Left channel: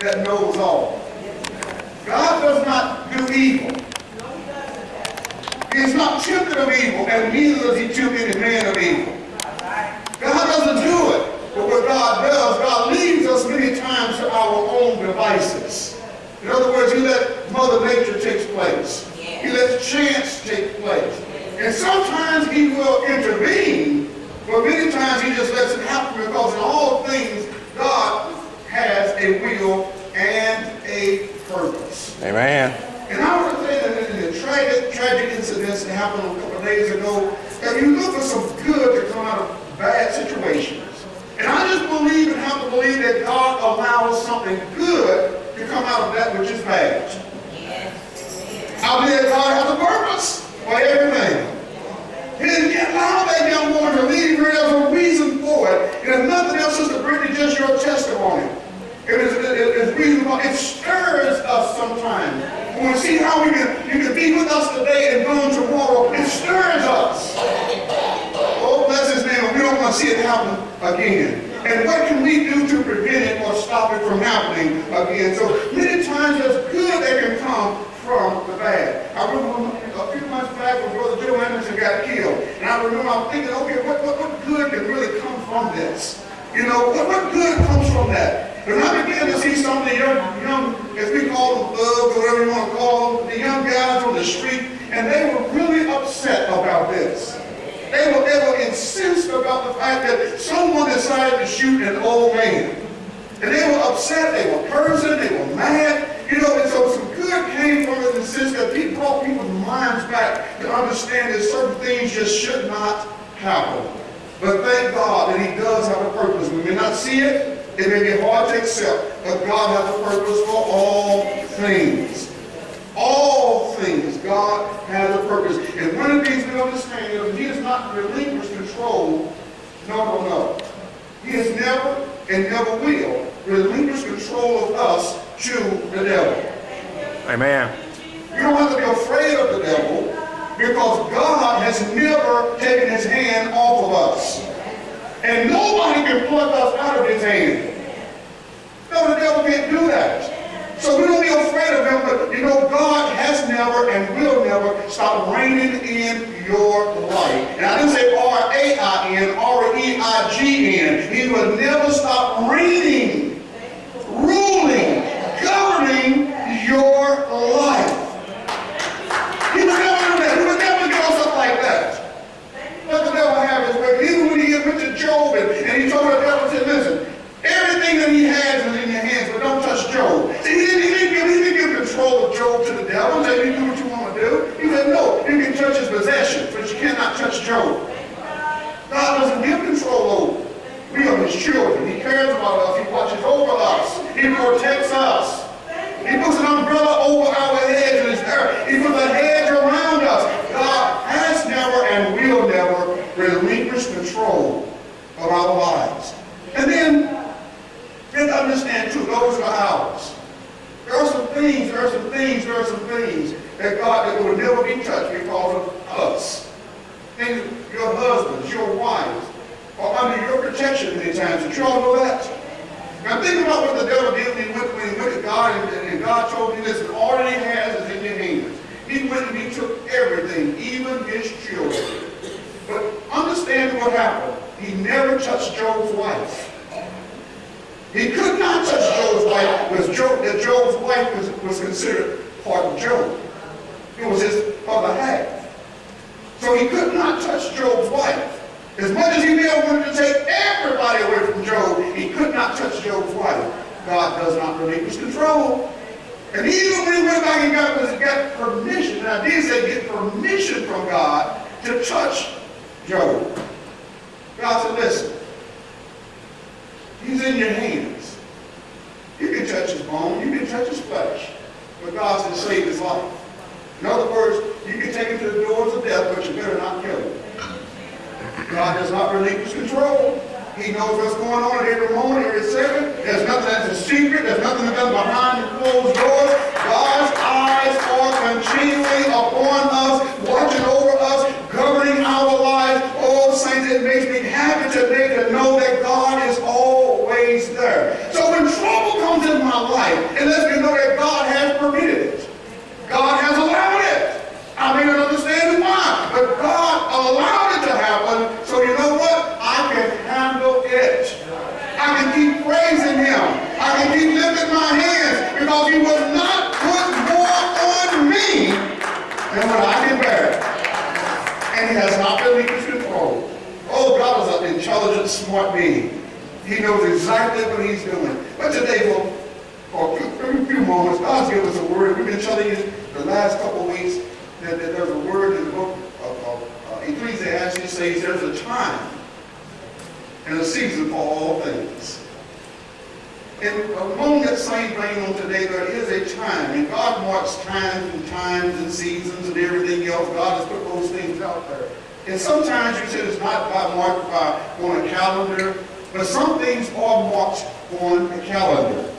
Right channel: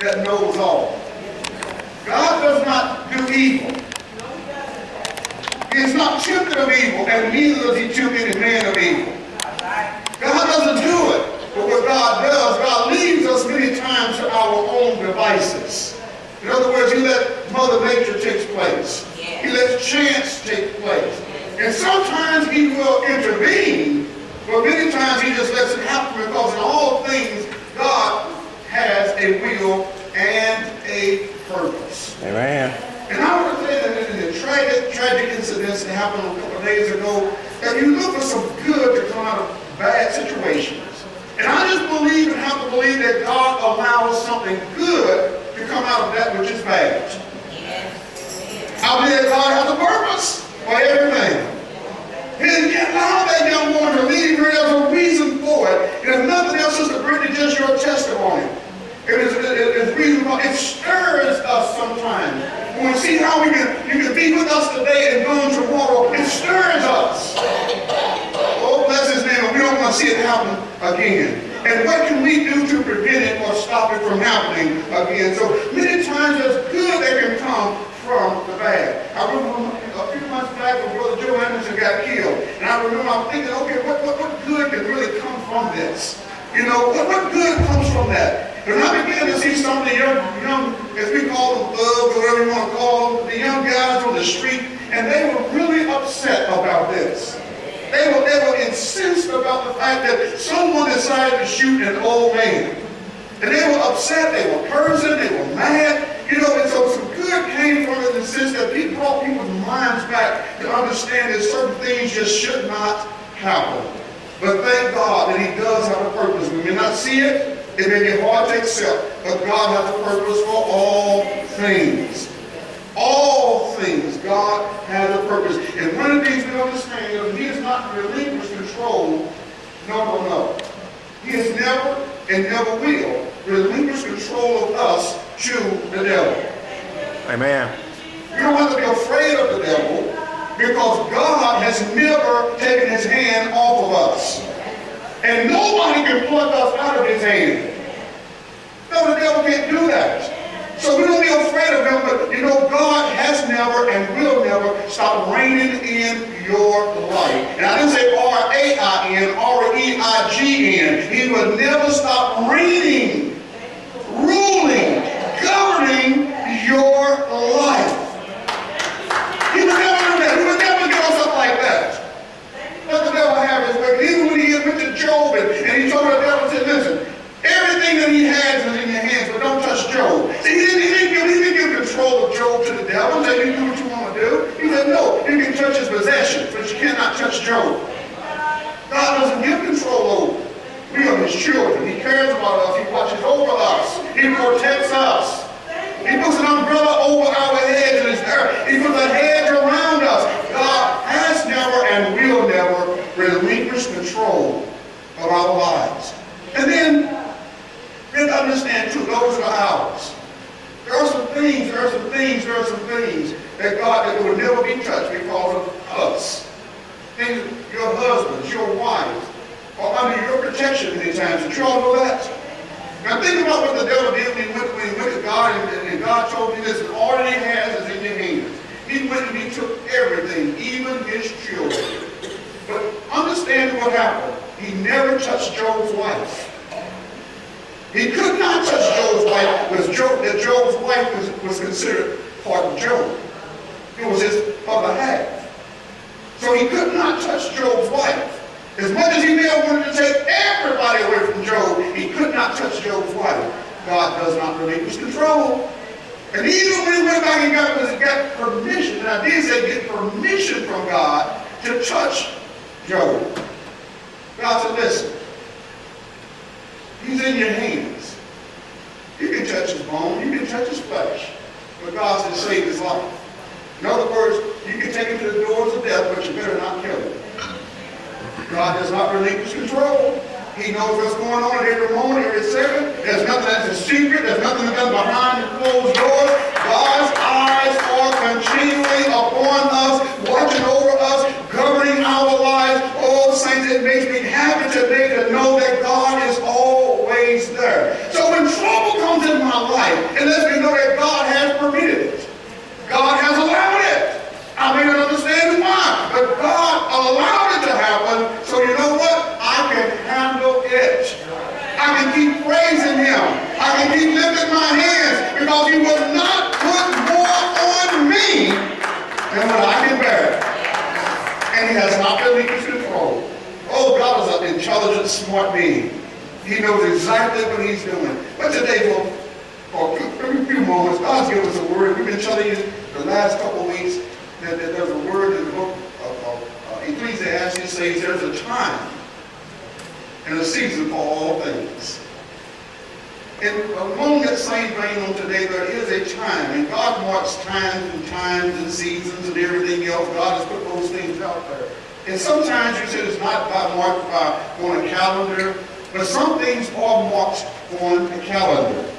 that knows all. God does not do evil. He is not tempted of evil, and neither does he tempt any man of evil. God doesn't do it. But what God does, God leaves us many times to our own devices. In other words, he let Mother Nature take place. He lets chance take place. And sometimes he will intervene, but many times he just lets it happen because in all things, God has a will and a purpose. Amen. And I want to say that in the tragic incidents that happened a couple of days ago, that you look for some good to come out of bad situations. And I just believe and have to believe that God allows something good to come out of that which is bad. I believe that God has a purpose for everything. He allowed that young woman to leave her. There's a reason for it. And if nothing else, Sister Brittany, just your testimony. It's reasonable. It stirs us sometimes. When we see how you can be with us today and gone tomorrow, it stirs us. Oh, bless his name. We don't want to see it happen again. And what can we do to prevent it or stop it from happening again? So many times there's good that can come from the bad. I remember a few months back when Brother Joe Anderson got killed. And I remember I'm thinking, okay, what good can really come from this? You know, what good comes from that? And I began to see some of the young, as we call them, thugs, or whatever you want to call them, the young guys on the street, and they were really upset about this. They were incensed about the fact that someone decided to shoot an old man. And they were upset, they were cursing, they were mad, you know, and so some good came from it in the sense that he brought people's minds back to understand that certain things just should not happen. But thank God that he does have a purpose. We may not see it, it may be hard to accept, but God has a purpose for all things. All things, God has a purpose. And one of the things we understand is he has not relinquished control. No. He has never and never will relinquish control of us to the devil. Amen. You don't have to be afraid of the devil because God has never taken his hand off of us. And nobody can pluck us out of his hand. No, the devil can't do that. So we don't be afraid of him, but you know, God has never and will never stop reigning in your life. And I didn't say R-A-I-N, R-E-I-G-N. He will never stop reigning, ruling, governing your life. He would never do that. He would never give us up like that. Let the devil have his way. Even when he went to Job and he told the devil, said, listen, everything that he has is in your hands, but don't touch Job. See, he didn't give control of Job to the devil and say, you do what you want to do. He said, no, you can touch his possessions, but you cannot touch Job. God doesn't give control over. We are his children. He cares about us. He watches over us. He protects us. He puts an umbrella over our heads in his earth. He puts a hedge around us. God has never and will never relinquish control of our lives. And then, we have to understand too, those are ours. There are some things that God that will never be touched because of us. Things, your husbands, your wives, are under your protection many times. Did you all know that? Now think about what the devil did when he went to God and God told him, listen, all that he has is in your hands. He went and he took everything, even his children. But understand what happened. He never touched Job's wife. He could not touch Job's wife because Job's wife was considered part of Job. It was his other half. So he could not touch Job's wife. As much as he may have wanted to take everybody away from Job, he could not touch Job's wife. God does not relinquish control. And even when he went back and got permission, and I did say get permission from God to touch Job. God said, listen, he's in your hands. You can touch his bone, you can touch his flesh, but God said save his life. In other words, you can take him to the doors of death, but you better not kill him. God does not relinquish control. He knows what's going on at every moment, every second. There's nothing that's a secret. There's nothing that's done behind the closed doors. God's eyes are continually upon us, watching over us, governing our lives. Oh, saints, it makes me happy today to know that God is always there. So when trouble comes in my my life. And lets me know that God has permitted it. God has allowed it. I may not understand why, but God allowed it to happen. So you know what? I can handle it. I can keep praising him. I can keep lifting my hands because he will not put more on me than what I can bear. And he has not relinquished control. Oh, God is an intelligent, smart being. He knows exactly what he's doing. But today, for a few moments, God's given us a word. We've been telling you the last couple of weeks that there's a word in the book of Ecclesiastes says there's a time and a season for all things. And along that same vein on today, there is a time, and God marks times and seasons and everything else. God has put those things out there. And sometimes you said it's not marked on a calendar, but some things are marked on a calendar.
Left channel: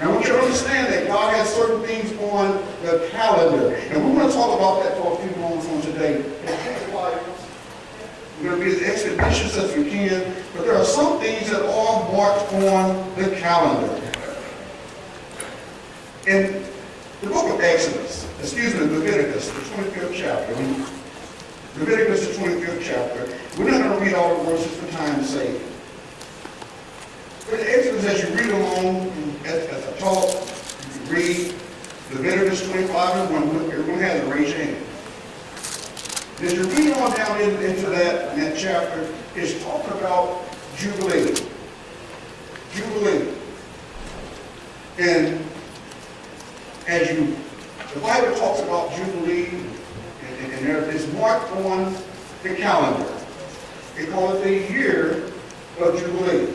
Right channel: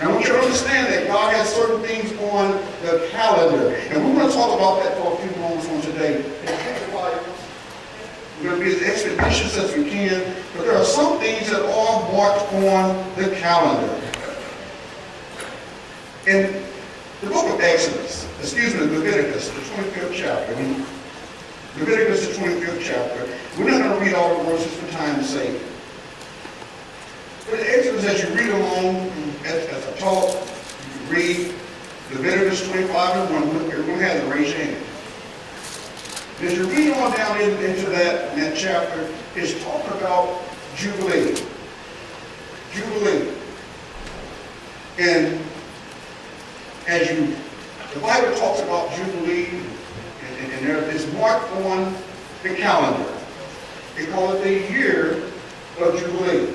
And I want you to understand that God has certain things on the calendar. And we're going to talk about that for a few moments on today. We're going to be as expeditious as we can, but there are some things that are marked on the calendar. In the book of Leviticus, the 25th chapter, Leviticus, the 25th chapter, we're not going to read all the verses for time's sake. But in Exodus, as you read along, as I talk, you can read Leviticus 25 and 1. Everyone has it, raise your hand. As you read on down into that chapter, it's talking about Jubilee. Jubilee. And the Bible talks about Jubilee, and it's marked on the calendar. They call it the year of Jubilee.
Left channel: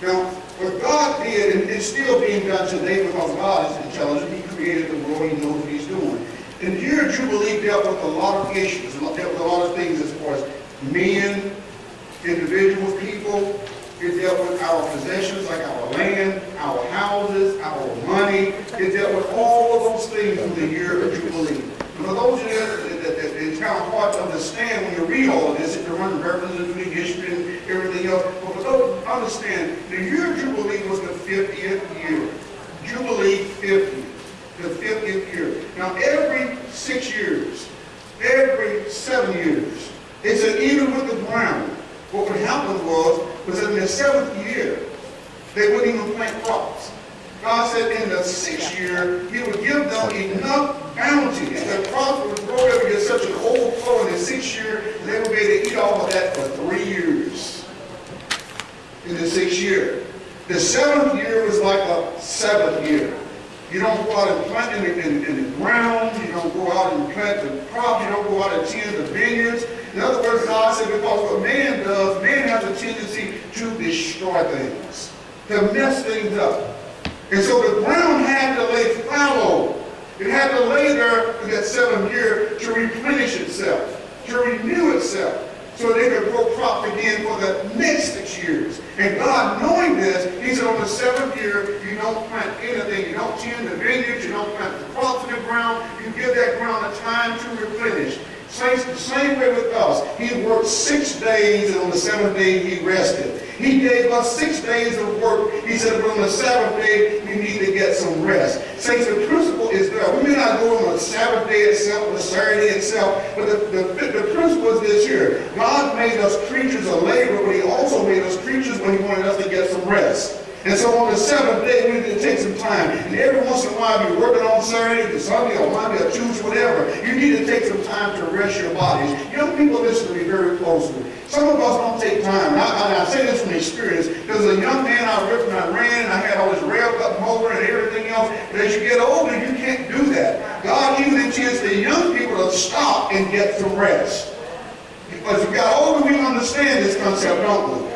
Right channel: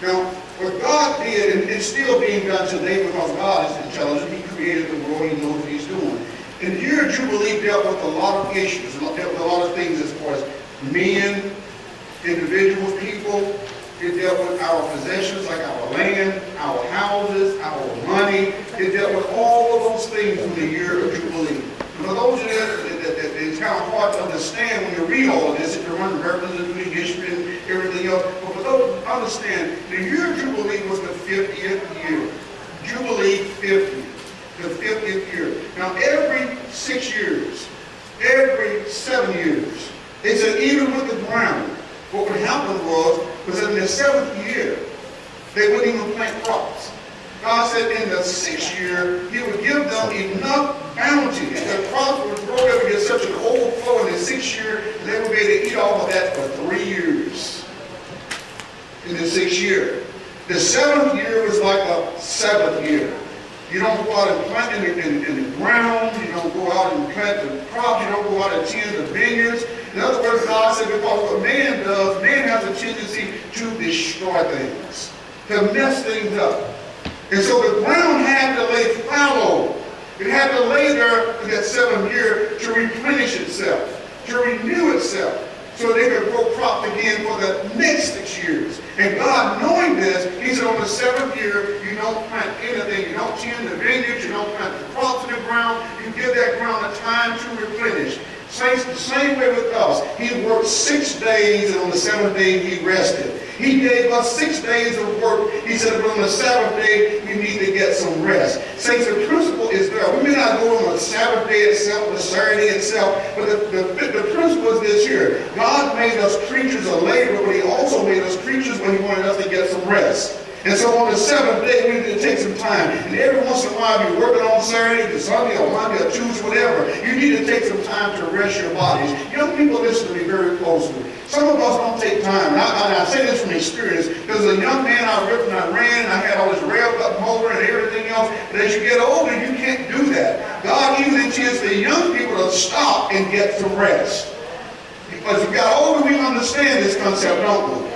Now, what God did, and it's still being done today because God is intelligent, he created the world, he knows what he's doing. And the year of Jubilee dealt with a lot of issues, dealt with a lot of things as far as men, individuals, people. It dealt with our possessions like our land, our houses, our money. It dealt with all of those things in the year of Jubilee. And for those of you that it's kind of hard to understand when you read all of this, if you're running references to the history and everything else, but for those who understand, the year of Jubilee was the 50th year. Jubilee 50, the 50th year. Now every 6 years, every 7 years, they said even with the ground, what would happen was in the 7th year, they wouldn't even plant crops. God said in the 6th year, he would give them enough bounty. And the crops would grow up and get such an overflow in the 6th year, they would be able to eat all of that for 3 years. In the 6th year. The 7th year was like a 7th year. You don't go out and plant in the ground. You don't go out and plant the crops. You don't go out and tend the vineyards. In other words, God said, because what man does, man has a tendency to destroy things, to mess things up. And so the ground had to lay fallow. It had to lay there in that 7th year to replenish itself, to renew itself, so they could grow crops again for the next 6 years. And God, knowing this, he said on the 7th year, you don't plant anything. You don't tend the vineyards. You don't plant the crops in the ground. You give that ground a time to replenish. Saints, the same way with us. He worked 6 days, and on the 7th day, he rested. He gave us 6 days of work. He said, but on the 7th day, you need to get some rest. Saints, the principle is there. We may not go on the Sabbath day itself, the Saturday itself, but the principle is this here. God made us creatures of labor, but he also made us creatures when he wanted us to get some rest. And so on the 7th day, we need to take some time. And every once in a while, you're working on Saturday, or Sunday, or Monday, or Tuesday, whatever. You need to take some time to rest your bodies. Young people, listen to me very closely. Some of us don't take time. And I say this from experience. Because as a young man, I ripped and I ran, and I had all this railed up motor and everything else. But as you get older, you can't do that. God even intends the young people to stop and get some rest. Because as we got older, we understand this concept, don't we?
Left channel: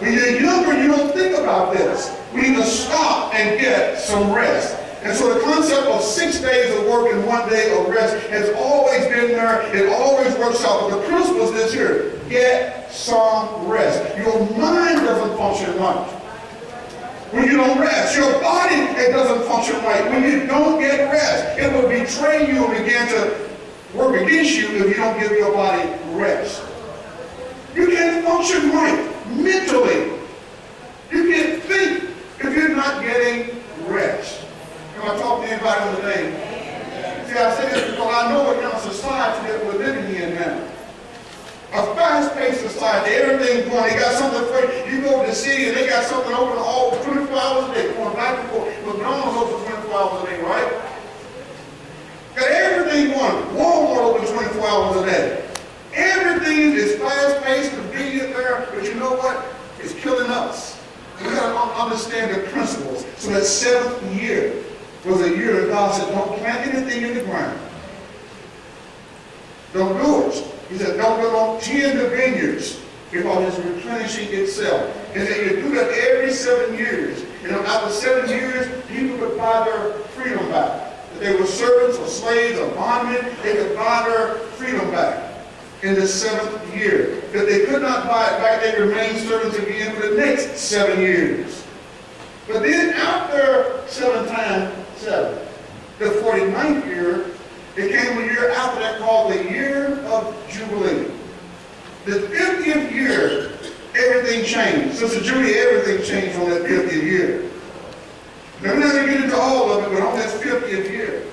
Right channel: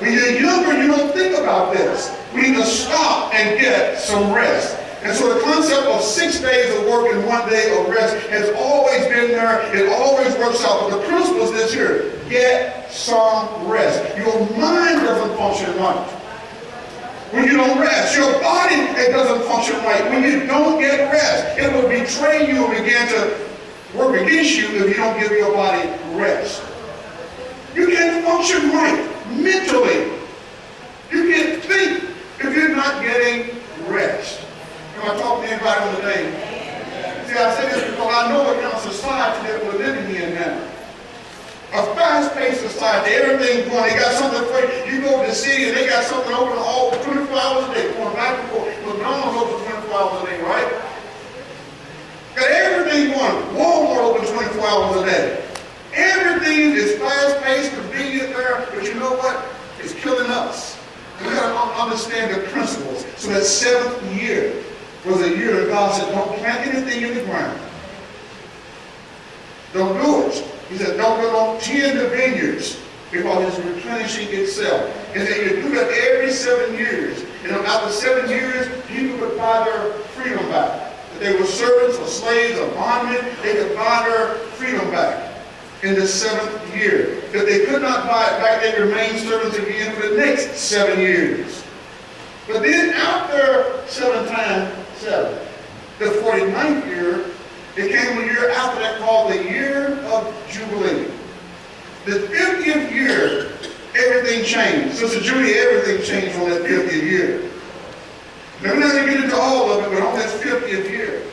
When you're younger, you don't think about this. We need to stop and get some rest. And so the concept of 6 days of work and 1 day of rest has always been there. It always works out. But the principle is this here. Get some rest. Your mind doesn't function right when you don't rest. Your body, it doesn't function right when you don't get rest. It will betray you and begin to work against you if you don't give your body rest. You can't function right mentally. You can't think if you're not getting getting rest. Am I talking to anybody on the day? See, I say this because I know what kind of society that we're living in now. A fast-paced society, everything's going, they got something for you. You go to the city and they got something open all 24 hours a day, going back and forth. McDonald's open 24 hours a day, right? Got everything going. Walmart open 24 hours a day. Everything is fast-paced, convenient there, but you know what? It's killing us. We got to understand the principles. So that 7th year was a year that God said, don't plant anything in the ground. Don't do it. He said, don't tend the vineyards because it's replenishing itself. And that you do that every 7 years. And after 7 years, people could buy their freedom back. If they were servants or slaves or bondmen, they could buy their freedom back in the 7th year. If they could not buy it back, they remained servants again for the next 7 years. But then after 7 times 7, the 49th year, it came a year after that called the year of Jubilee. The 50th year, everything changed. Sister Judy, everything changed on that 50th year. Now, we're not going to get into all of it, but on that 50th year,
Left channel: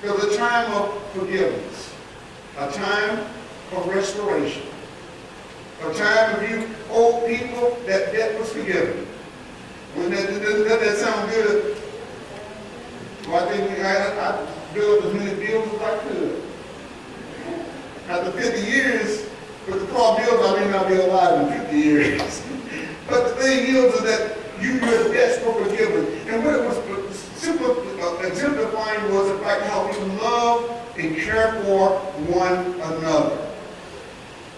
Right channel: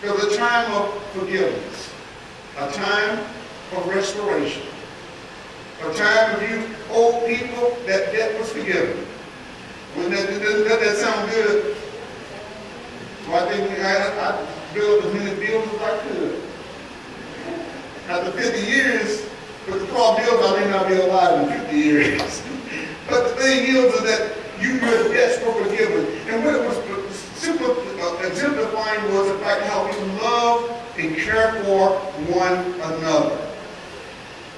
there was a time of forgiveness, a time of restoration, a time of you old people, that debt was forgiven. Doesn't that sound good? Well, I think I built as many bills as I could. After 50 years, but the problem is I may not be alive in 50 years. But the thing is that your debts were forgiven. And what it was simply exemplifying was the fact how we love and care for one another.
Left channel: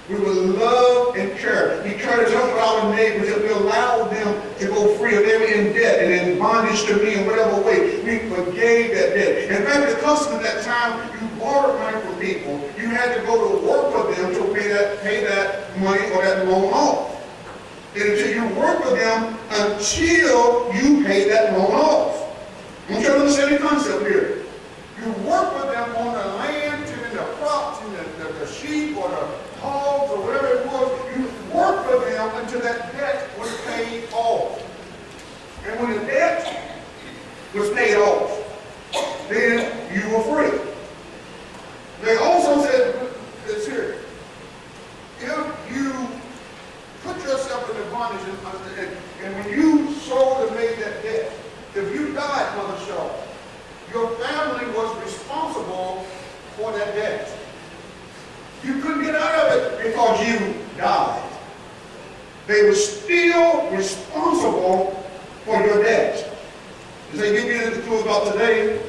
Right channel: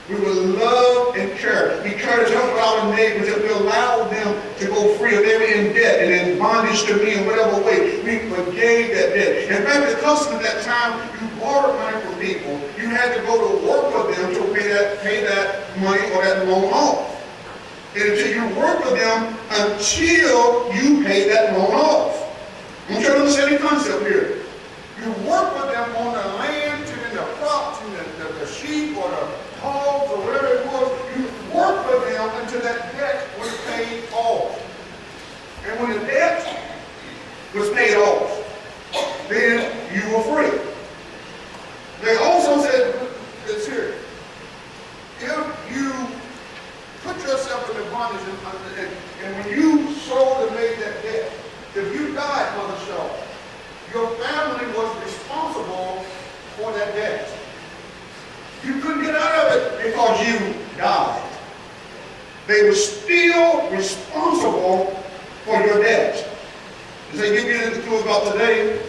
We will love and care. We try to help our neighbors if we allow them to go free. If they were in debt and in bondage to me in whatever way, we forgave that debt. In fact, the custom at that time, you borrowed money from people. You had to go to work with them to pay that money or that loan off. And until you work with them until you pay that loan off. I'm trying to understand the concept here. You work with them on the land, to the crops, and the sheep or the hogs or whatever it was. You work with them until that debt was paid off. And when the debt was paid off, then you were free. They also said this here. If you put yourself in the bondage and when you sold and made that debt, if you died, Mother Shaw, your family was responsible for that debt. You couldn't get out of it because you died. They were still responsible for your debt. Does that give you any clue about today?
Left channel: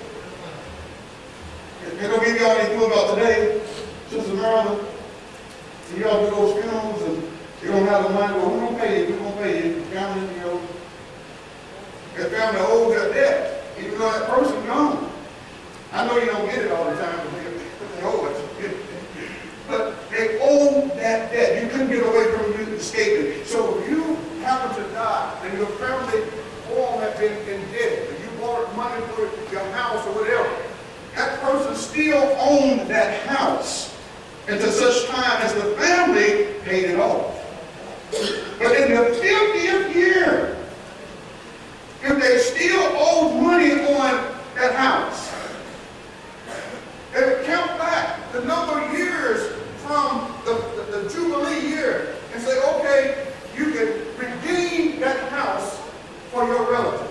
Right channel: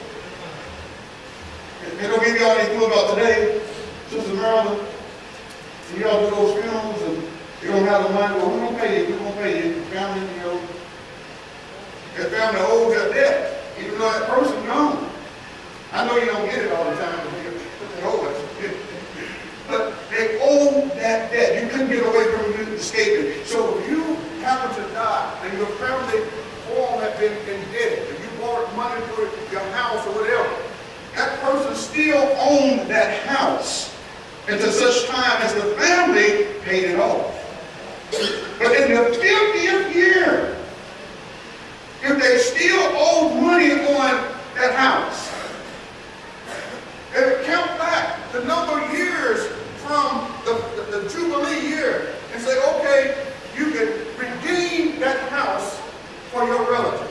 They don't give you all any clue about today. Sister Marilyn, when y'all do those funerals and you don't have the money, well, we're going to pay you. We're going to pay you. Family, that family owes that debt, even though that person's gone. I know you don't get it all the time, but they owe it. But they owe that debt. You couldn't get away from it, escape it. So if you happen to die and your family all have been indebted, if you borrowed money for your house or whatever, that person still owned that house until such time as the family paid it off. But in the 50th year, if they still owed money on that house, they would count back the number of years from the Jubilee year and say, okay, you can redeem that house for your relative.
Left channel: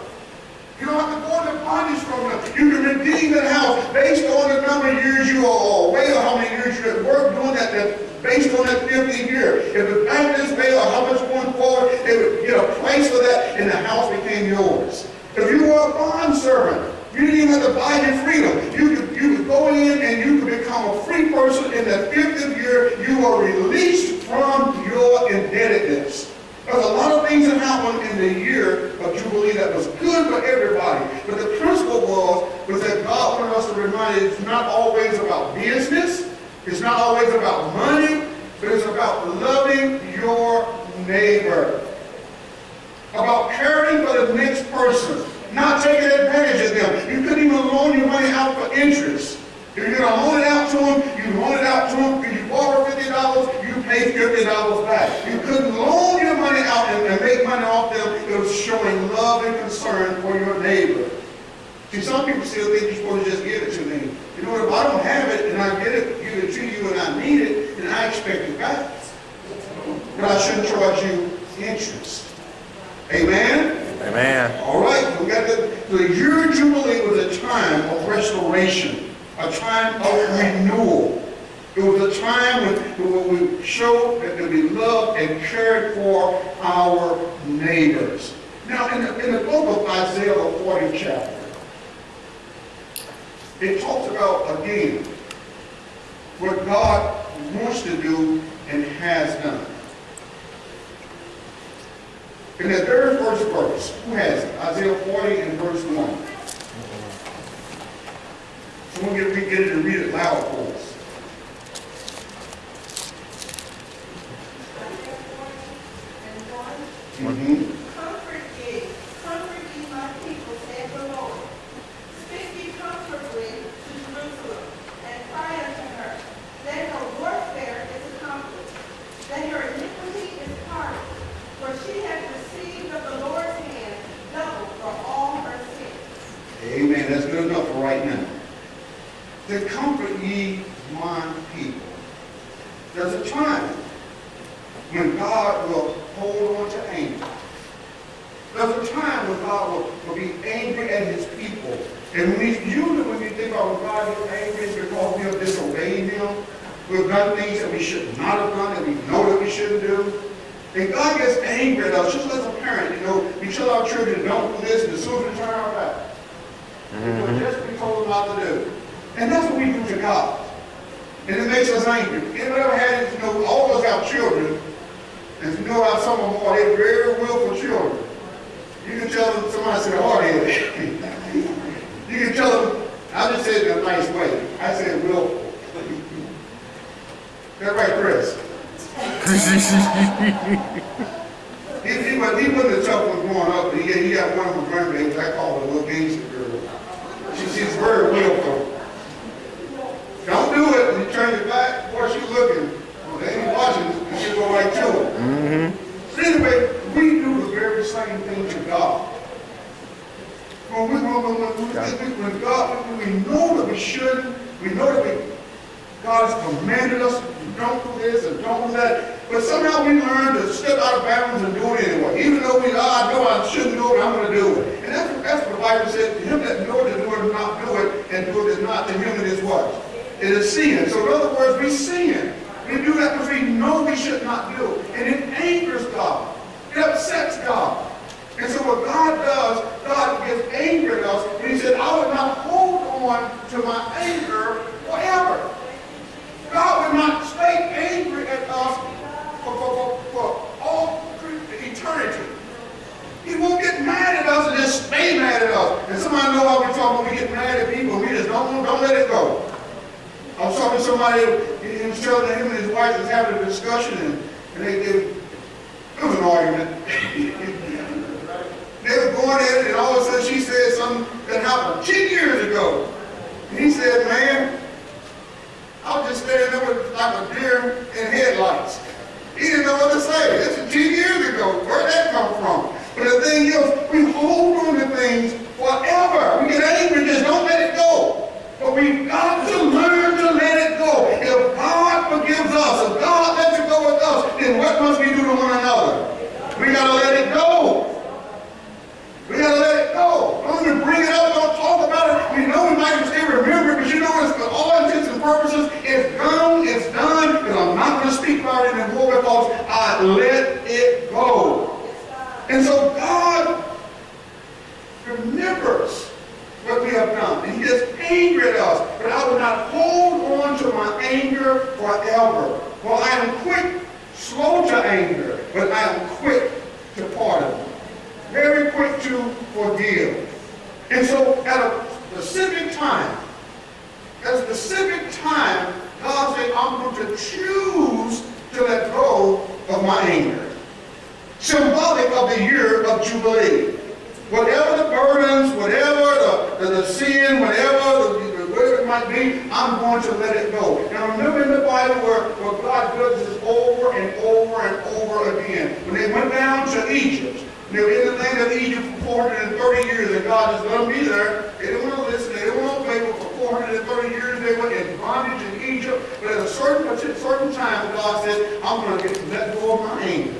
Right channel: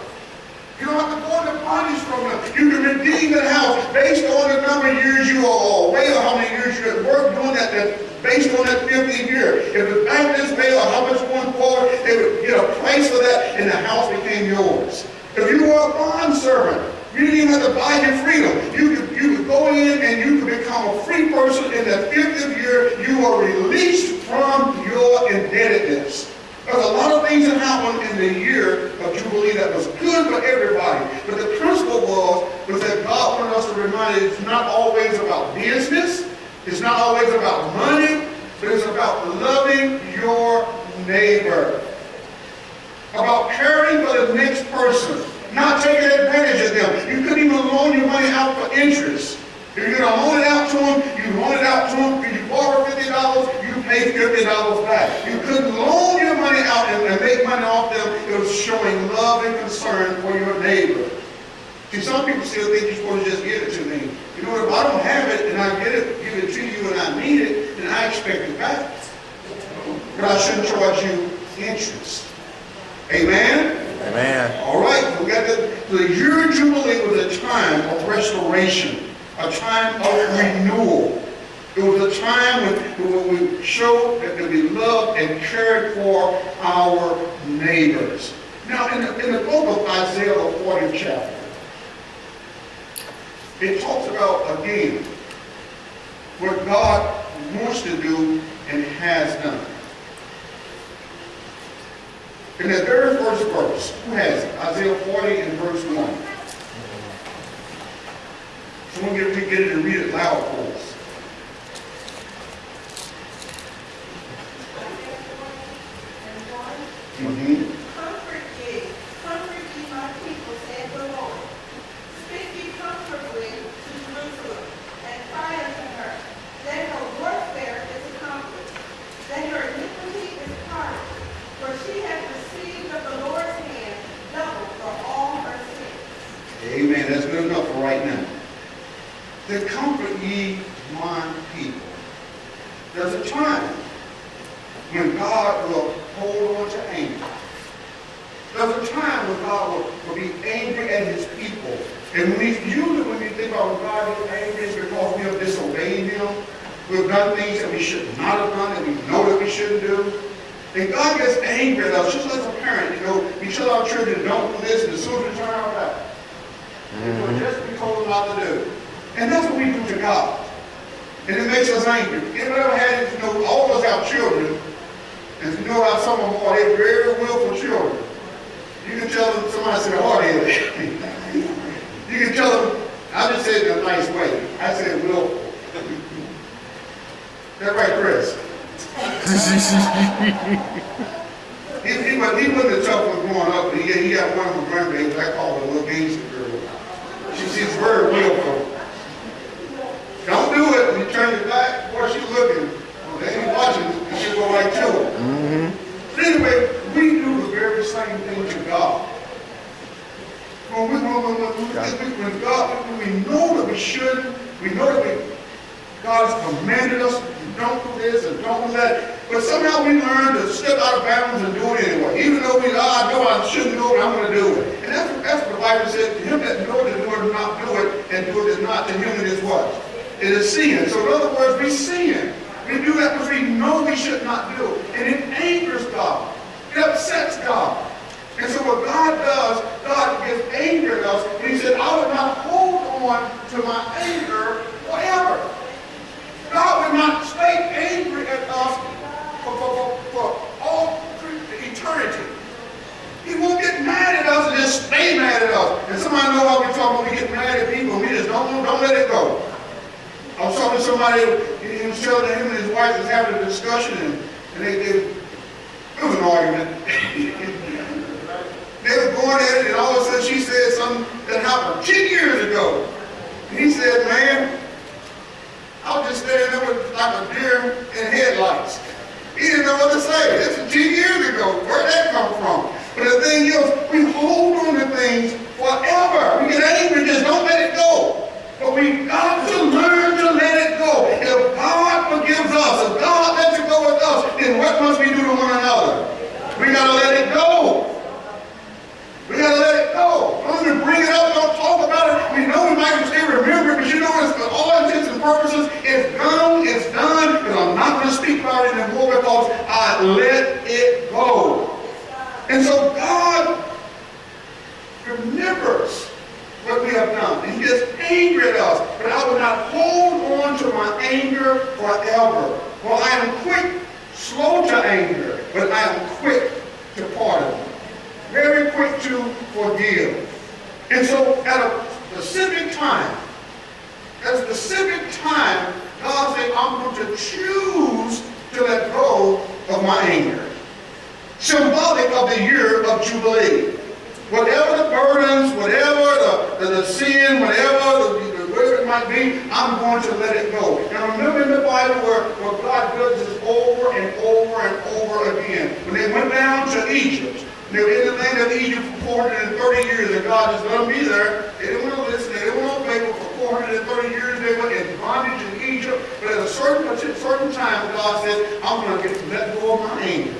You don't have to go into bondage from them. You can redeem that house based on the number of years you are away or how many years you at work doing that based on that 50th year. If the bank is paid or how much going forward, they would get a price for that and the house became yours. If you were a bond servant, you didn't even have to buy your freedom. You could go in and you could become a free person. In the 50th year, you are released from your indebtedness. There's a lot of things that happened in the year of Jubilee that was good for everybody. But the principle was that God wanted us to remind you it's not always about business. It's not always about money. But it's about loving your neighbor. About caring for the next person. Not taking advantage of them. You couldn't even loan your money out for interest. If you're going to loan it out to them, you loan it out to them. If you borrow $50, you pay pay $50 back. You couldn't loan your money out and make money off them. It was showing love and concern for your neighbor. See, some people still think you're supposed to just give it to me. You know what? If I don't have it and I give it to you and I need it, then I expect it back. But I shouldn't charge you interest. Amen? Amen. All right, we got the year of Jubilee was a time of restoration, a time of renewal. It was a time when we showed that we loved and cared for our neighbors. Now, in the book of Isaiah, the 40th chapter, it talks about, again, what God wants to do and has done. In the very first verse, who has it? Isaiah 40 and verse 1. Someone get it and read it loud for us. Comfort ye my people, said the Lord. Speak ye comfortably to Jerusalem, and cry unto her, that her warfare is accomplished, that her iniquity is pardoned, for she hath received of the Lord's hand double for all her sins. Amen. That's good enough for right now. To comfort ye my people. There's a time when God will hold on to anger. There's a time when God will be angry at his people. And usually when we think about when God is angry, it's because we have disobeyed him. We've done things that we should not have done, that we know that we shouldn't do. And God gets angry at us, just as a parent. You know, we tell our children, don't do this, and as soon as we turn our back, just what we told them not to do. And that's what we do to God. And it makes us angry. Anybody ever had it? You know, all of us have children. And you know how some of them are, they're very willful children. You can tell them, somebody said hard-headed. You can tell them, I just said it in a nice way. I said willful. That's right, Chris. he wasn't a tough one growing up, but he got one of my grandbabies. I call her a little gangster girl. She's very willful. Don't do it. When you turn your back, boy, she's looking. Well, they ain't watching, and she'll go right to it. But anyway, we do the very same thing to God. When we know that we shouldn't, we know that God has commanded us to don't do this and don't do that, but somehow we learn to step out of bounds and do it anyway. Even though I know I shouldn't do it, I'm going to do it. And that's what the Bible said, to him that knows to do it and not do it, and do it is not, to him it is what? It is sin. So in other words, we sin. We do that because we know we should not do it. And it angers God. It upsets God. And so what God does, God gets angry at us, and he said, I will not hold on to my anger forever. God will not stay angry at us for all eternity. He won't get mad at us and just stay mad at us. And somebody know how we talk when we get mad at people, we just don't let it go. I was talking to somebody, he was telling him and his wife was having a discussion, and it was an argument. They were going at it, and all of a sudden she said something that happened 10 years ago. And he said, man, I was just standing there with like a deer in headlights. He didn't know what to say. This was 10 years ago. Where'd that come from? But the thing is, we hold on to things forever. We get angry, just don't let it go. But we've got to learn to let it go. If God forgives us, if God lets it go with us, then what must we do to one another? We got to let it go. We got to let it go. Don't even bring it up, don't talk about it. We know we might still remember it, but you know, it's for all intents and purposes, it's done, because I'm not going to speak about it anymore because I let it go. And so God remembers what we have done. And he gets angry at us. But I will not hold on to my anger forever. For I am quick, slow to anger, but I am quick to pardon. Very quick to forgive. And so at a specific time, God said, I'm going to choose to let go of my anger. Symbolic of the year of Jubilee. Whatever the burdens, whatever the sin, whatever it might might be, I'm going to let it go. Now remember in the Bible where God does this over and over and over again. When they went down to Egypt, they were in the land of Egypt for 430 years, and God just let them be there. They didn't want to listen, they didn't want to obey, but for 430 years they were in bondage in Egypt. But at a certain time, God said, I'm going to let go of my anger.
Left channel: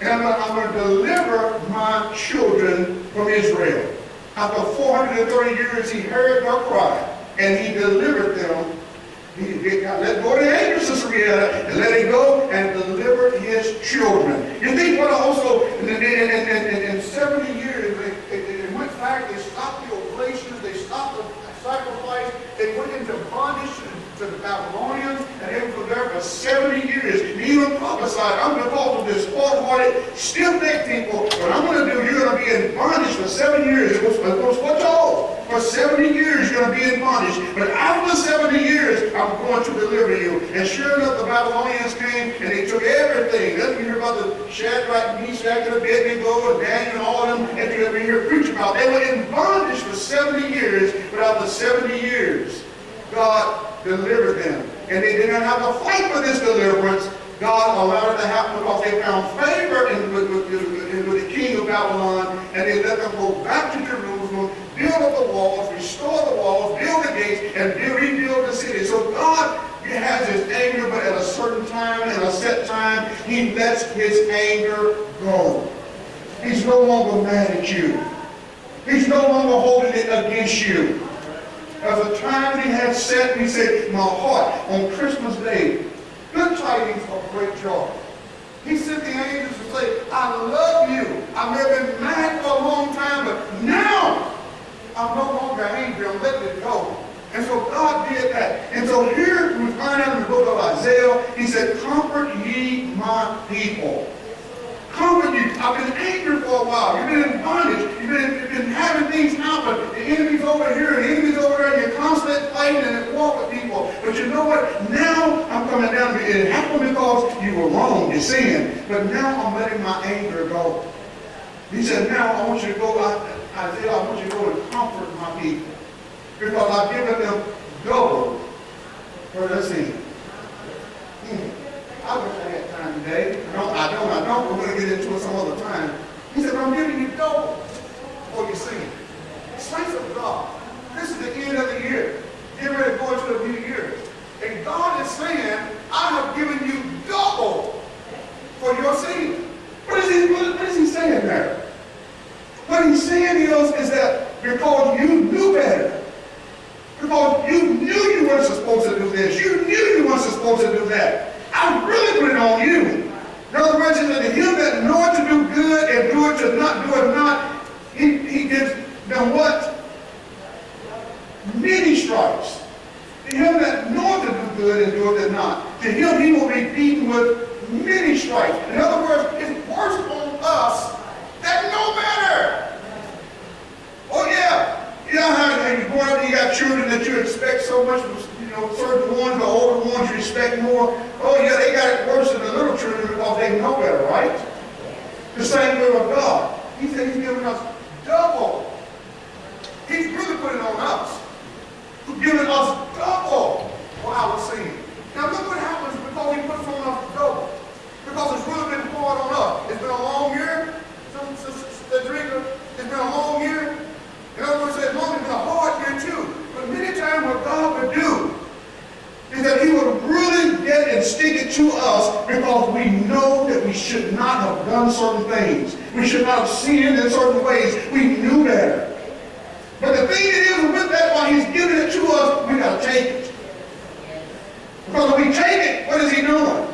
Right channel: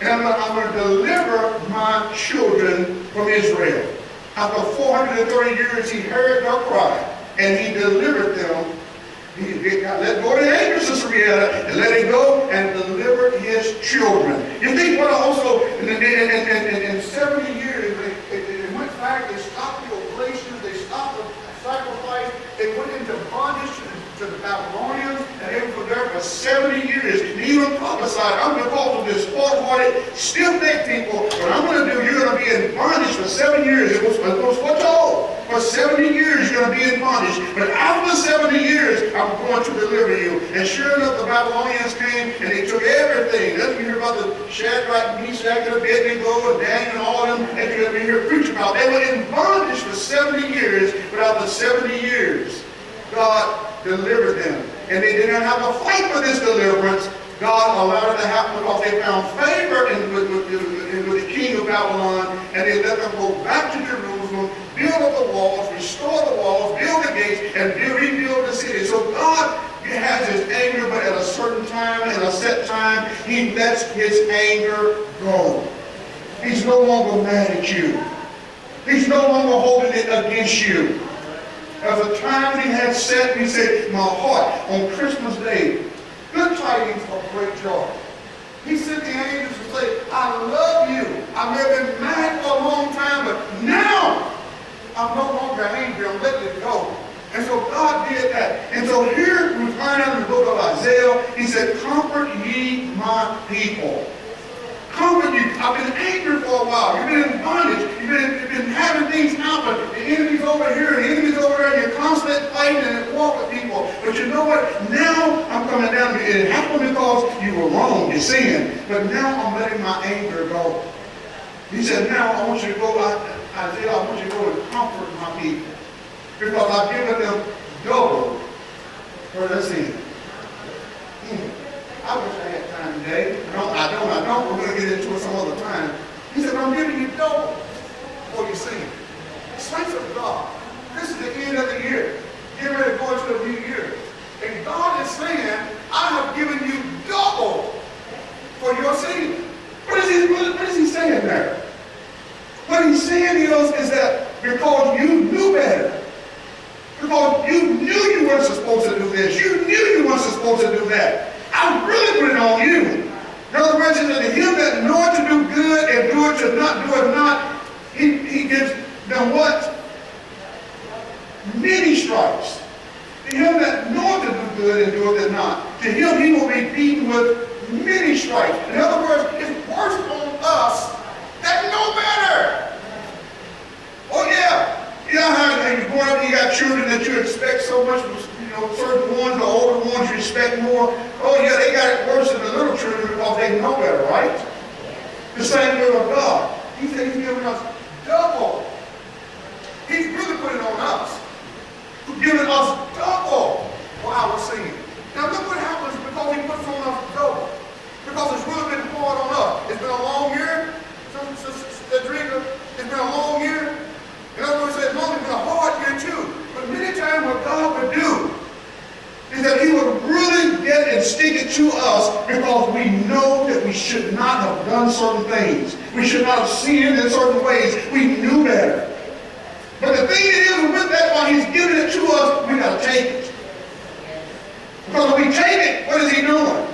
And I'm going to deliver my children from Israel. After 430 years, he heard their cry, and he delivered them. He let go of the anger, Sister Rihanna, and let it go and delivered his children. You think what also, in 70 years, they went back, they stopped the oblations, they stopped the sacrifice, they went into bondage to the Babylonians, and they were there for 70 years. He even prophesied, I'm going to call them this hard-hearted, stiff-necked people, what I'm going to do, you're going to be in bondage for 7 years. It was what y'all? For 70 years you're going to be in bondage. But after 70 years, I'm going to deliver you. And sure enough, the Babylonians came and they took everything. That's when you hear about the Shadrach, Meshach, and Abednego, and Daniel, and all of them, and you're going to hear preach about. They were in bondage for 70 years, but after 70 years, God delivered them. And they did not have to fight for this deliverance. God allowed it to happen because they found favor with the king of Babylon, and they let them go back to Jerusalem, build up the walls, restore the walls, build the gates, and rebuild the city. So God has his anger, but at a certain time, at a set time, he lets his anger go. He's no longer mad at you. He's no longer holding it against you. As a time he had set, he said, my heart, on Christmas Day, good tidings of great joy. He sent the angels to say, I love you. I may have been mad for a long time, but now I'm no longer angry. I'm letting it go. And so God did that. And so here we find out in the book of Isaiah, he said, comfort ye my people. Comfort you. I've been angry for a while. You've been in bondage. You've been having things happen. The enemy's over here, the enemy's over there, and you're constantly fighting and walk with people. But you know what? Now I'm coming down to it. It happened because you were wrong, you sinned. But now I'm letting my anger go. He said, now I want you to go, Isaiah, I want you to go and comfort my people. Because I've given them double for their sin. I wish I had time today. I don't. We're going to get into it some other time. He said, I'm giving you double for your sin. Saints of God, this is the end of the year. Get ready to go into the new year. And God is saying, I have given you double for your sin. What is he saying there? What he's saying is that because you knew better, because you knew you weren't supposed to do this, you knew you weren't supposed to do that, I really put it on you. In other words, he said, to him that knoweth to do good and do it to not do it not, he gives them what? Many stripes. To him that knoweth to do good and do it not, to him he will be beaten with many stripes. In other words, it's worse on us that know better. Oh yeah. You know how you grow up and you got children that you expect so much, certain ones, the older ones you respect more. Oh yeah, they got it worse than the little children because they know better, right? The same way with God. He said he's giving us double. He's really putting it on us. He's giving us double for our sin. Now look what happens because he puts on us double. Because it's really been hard on us. It's been a long year. It's been a long year. In other words, it's been a hard year too. But many times what God would do is that he would really get and stick it to us because we know that we should not have done certain things. We should not have sinned in certain ways. We knew better. But the thing is with that, while he's giving it to us, we got to take it. Because when we take it, what is he doing?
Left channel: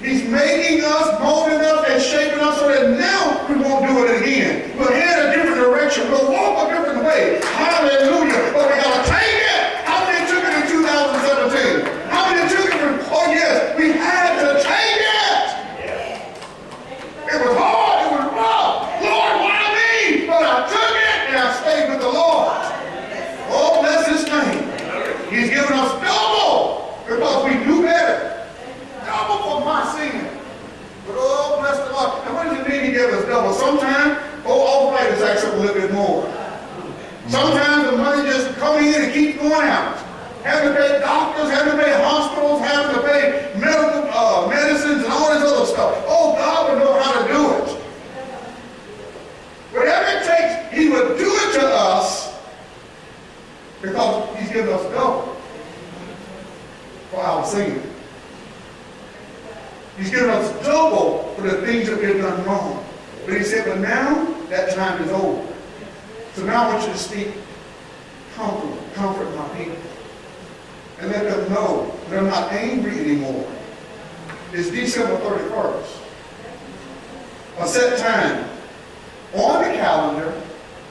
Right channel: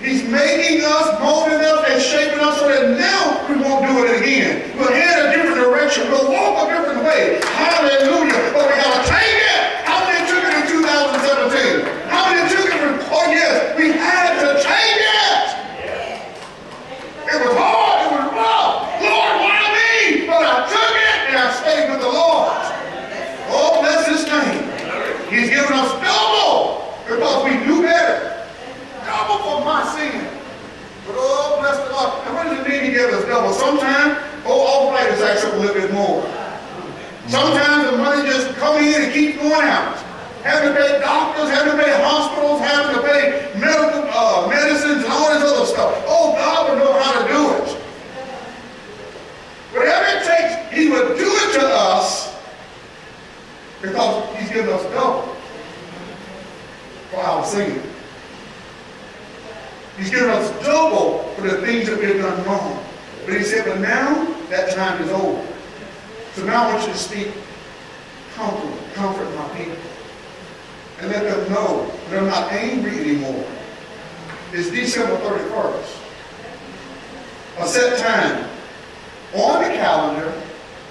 He's making us, molding us, and shaping us so that now we won't do it again. We'll head a different direction. We'll walk a different way. Hallelujah. But we got to take it. How many took it in 2017? How many took it in, oh yes, we had to take it. It was hard. It was rough. Lord, why me? But I took it and I stayed with the Lord. Oh, bless his name. He's given us double because we knew better. Double for my sin. But oh, bless the Lord. And what does it mean he gave us double? Sometimes, arthritis acts up a little bit more. Sometimes the money going out. Having to pay doctors, having to pay hospitals, having to pay medical medicines and all this other stuff. Oh, God would know how to do it. Whatever it takes, he would do it to us because he's given us double for our sin. He's given us double for the things that we've done wrong. But he said, but now that time is over. So now I want you to speak comfort my people. And let them know they're not angry anymore. It's December 31st. A set time on the calendar,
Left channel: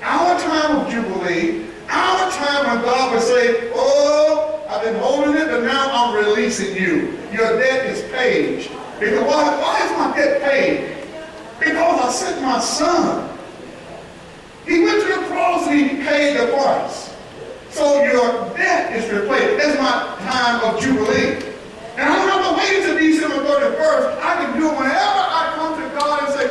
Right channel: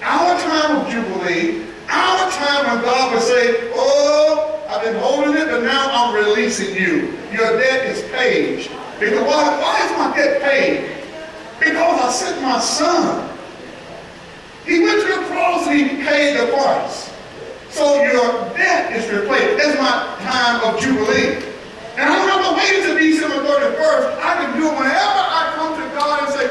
our time of Jubilee, our time when God would say, oh, I've been holding it, but now I'm releasing you. Your debt is paid. Because why is my debt paid? Because I sent my son. He went to the cross and he paid the price. So your debt is replaced. That's my time of Jubilee. And I don't have to wait until December 31st. I can do it whenever I come to God and say,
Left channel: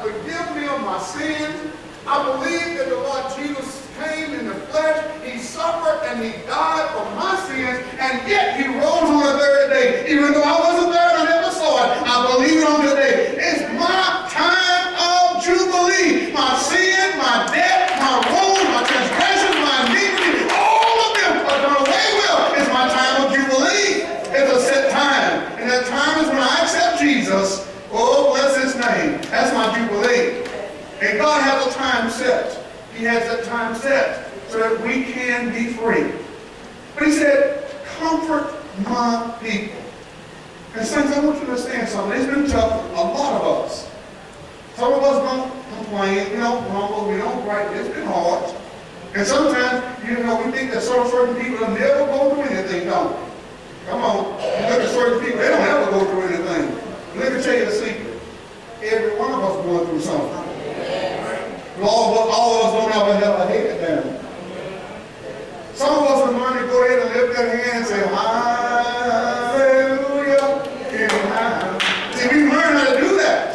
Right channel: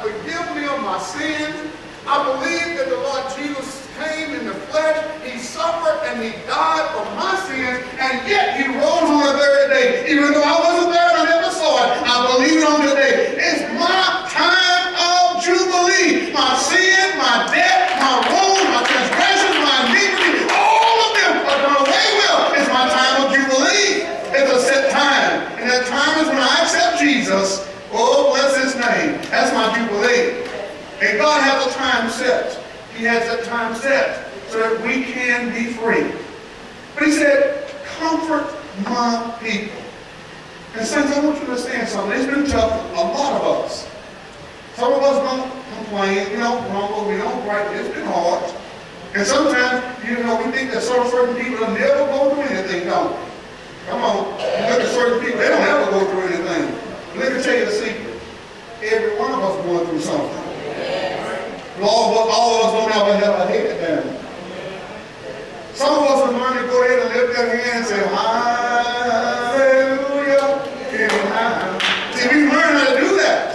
forgive me of my sins. I believe that the Lord Jesus came in the flesh. He suffered and he died for my sins. And yet he rose on the third day. Even though I wasn't there and I never saw it, I believe it on today. It's my time of Jubilee. My sin, my debt, my wrongs, my transgressions, my iniquity, all of them are done away with. It's my time of Jubilee. It's a set time. And that time is when I accept Jesus. Oh, bless his name. That's my Jubilee. And God has a time set. He has that time set so that we can be free. But he said, comfort my people. And saints, I want you to understand something. It's been tough for a lot of us. Some of us don't complain, we don't grumble, we don't gripe. It's been hard. And sometimes, we think that certain people will never go through anything, don't we? Come on. You look at certain people, they don't ever go through anything. Let me tell you a secret. Every one of us going through something. All of us don't ever have a hate down. Some of us will learn to go ahead and lift their hand and say, hallelujah. See, we learn how to do that.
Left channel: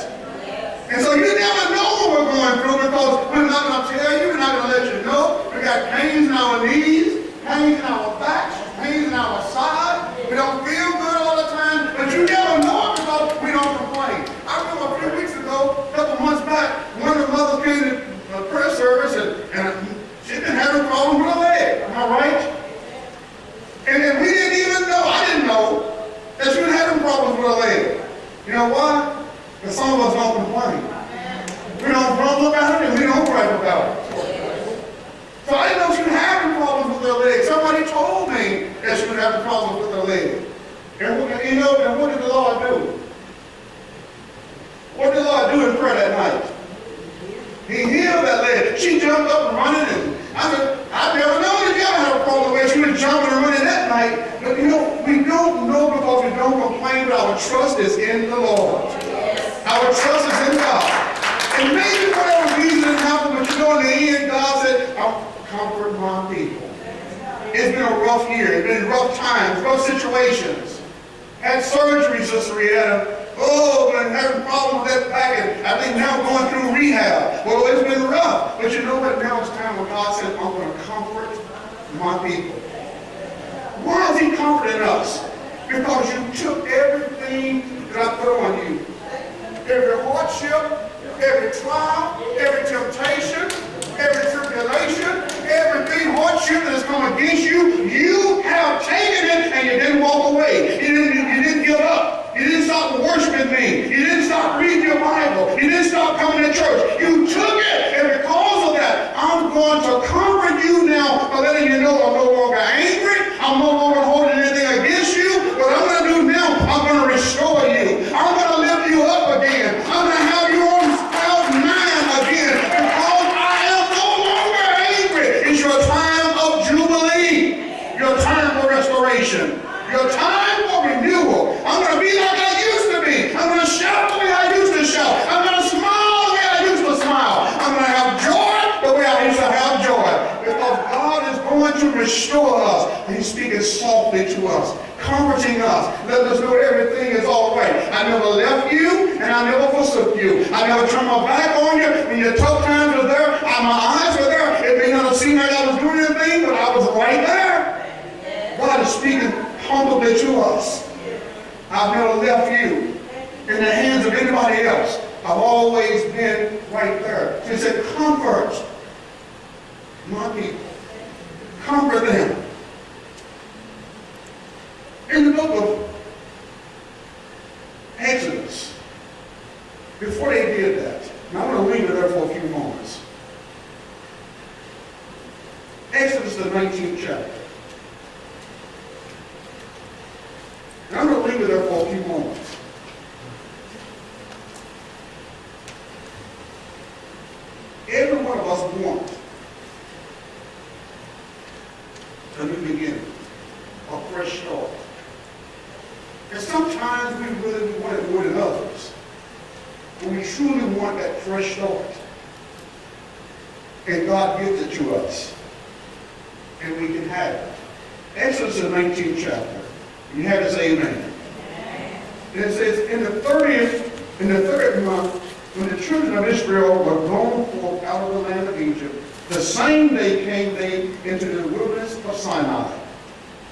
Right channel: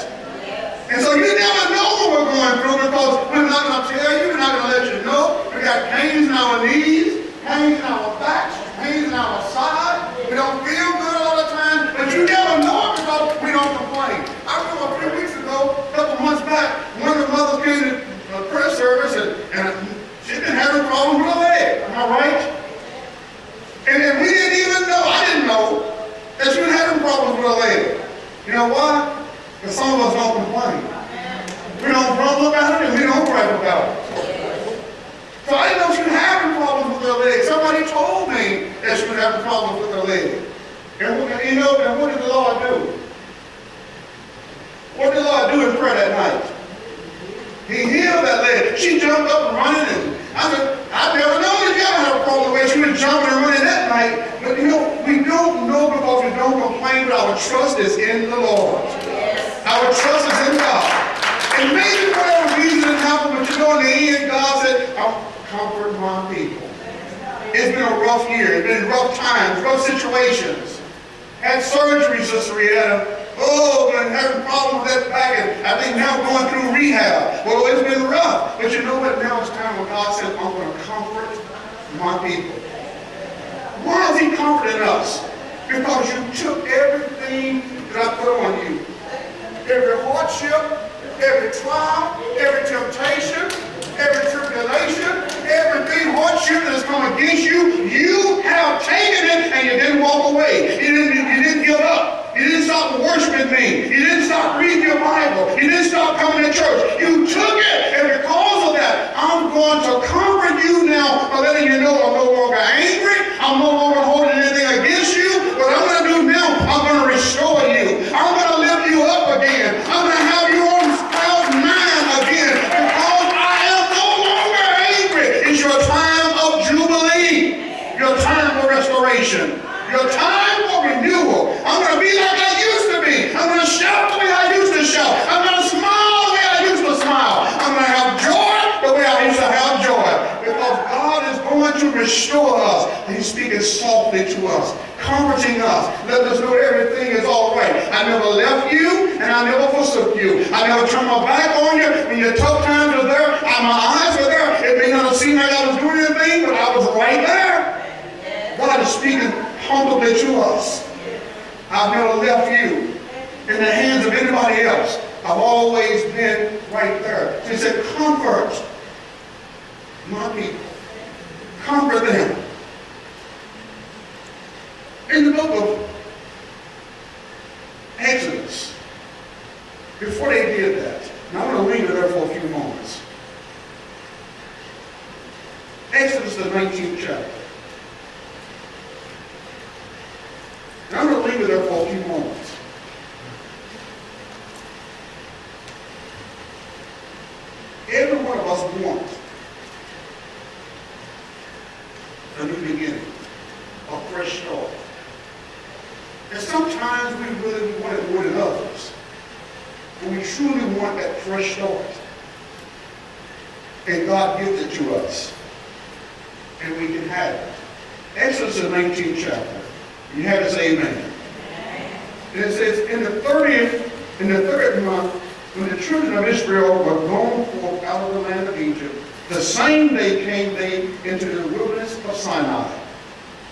And so you never know what we're going through because we're not going to tell you, we're not going to let you know. We got pains in our knees, pains in our backs, pains in our side. We don't feel good all the time, but you never know it because we don't complain. I remember a few weeks ago, a couple months back, one of the mothers came to a prayer service and she'd been having problems with her leg. Am I right? And we didn't even know, I didn't know, that she was having problems with her leg. You know why? Because some of us don't complain. We don't grumble about it and we don't gripe about it. So I didn't know she was having problems with her leg. Somebody told me that she was having problems with her leg. And what did the Lord do? What did the Lord do in prayer that night? He healed that leg. She jumped up and running, and I said, I've never known that you ever had a problem where she was jumping and running that night. But we don't know because we don't complain, but our trust is in the Lord. Our trust is in God. And maybe for whatever reason it happened, but in the end, God said, I'll comfort my people. It's been a rough year. It's been rough times, rough situations. Had surgery, Sister Rihanna. Oh, been having problems with that back, and I think now going through rehab. Well, it's been rough. But you know what? Now it's time when God said, I'm going to comfort my people. Why is he comforting us? Because you took everything that I put on you. Every hardship, every trial, every temptation, every tribulation, everything hardship that has come against you, you have taken it and you didn't walk away. You didn't give up. You didn't stop worshiping me. You didn't stop reading your Bible. You didn't stop coming to church. You took it, and because of that, I'm going to comfort you now by letting you know I'm no longer angry. I'm no longer holding anything against you. What I'm going to do now, I'm going to restore you. I'm going to lift you up again. I'm going to have you on cloud nine again because I am no longer angry. It's your time of Jubilee, your time for restoration, your time for renewal. I'm going to be like I used to be. I'm going to shout the way I used to shout. I'm going to smile the way I used to smile. I'm going to have joy the way I used to have joy. Because God is going to restore us. He's speaking softly to us, comforting us, letting us know everything is all right. I never left you, and I never forsook you. I never turned my back on you. When your tough times were there, my eyes were there. It may not have seemed like I was doing anything, but I was right there. speaking humbly to us. I've never left you in the hands of anybody else. I've always been right there. So he said, comfort my people. Comfort them. In the book of Exodus, before they did that, and I'm going to leave it there for a few moments. Exodus, the 19th chapter. And I'm going to leave it there for a few moments. Every one of us wants a new beginning, a fresh start. And sometimes we really want it more than others. But we truly want that fresh start. And God gives it to us. And we can have it. Exodus, the 19th chapter. You have to say amen. And it says, in the third month, when the children of Israel were gone forth out of the land of Egypt, the same day came they into the wilderness of Sinai.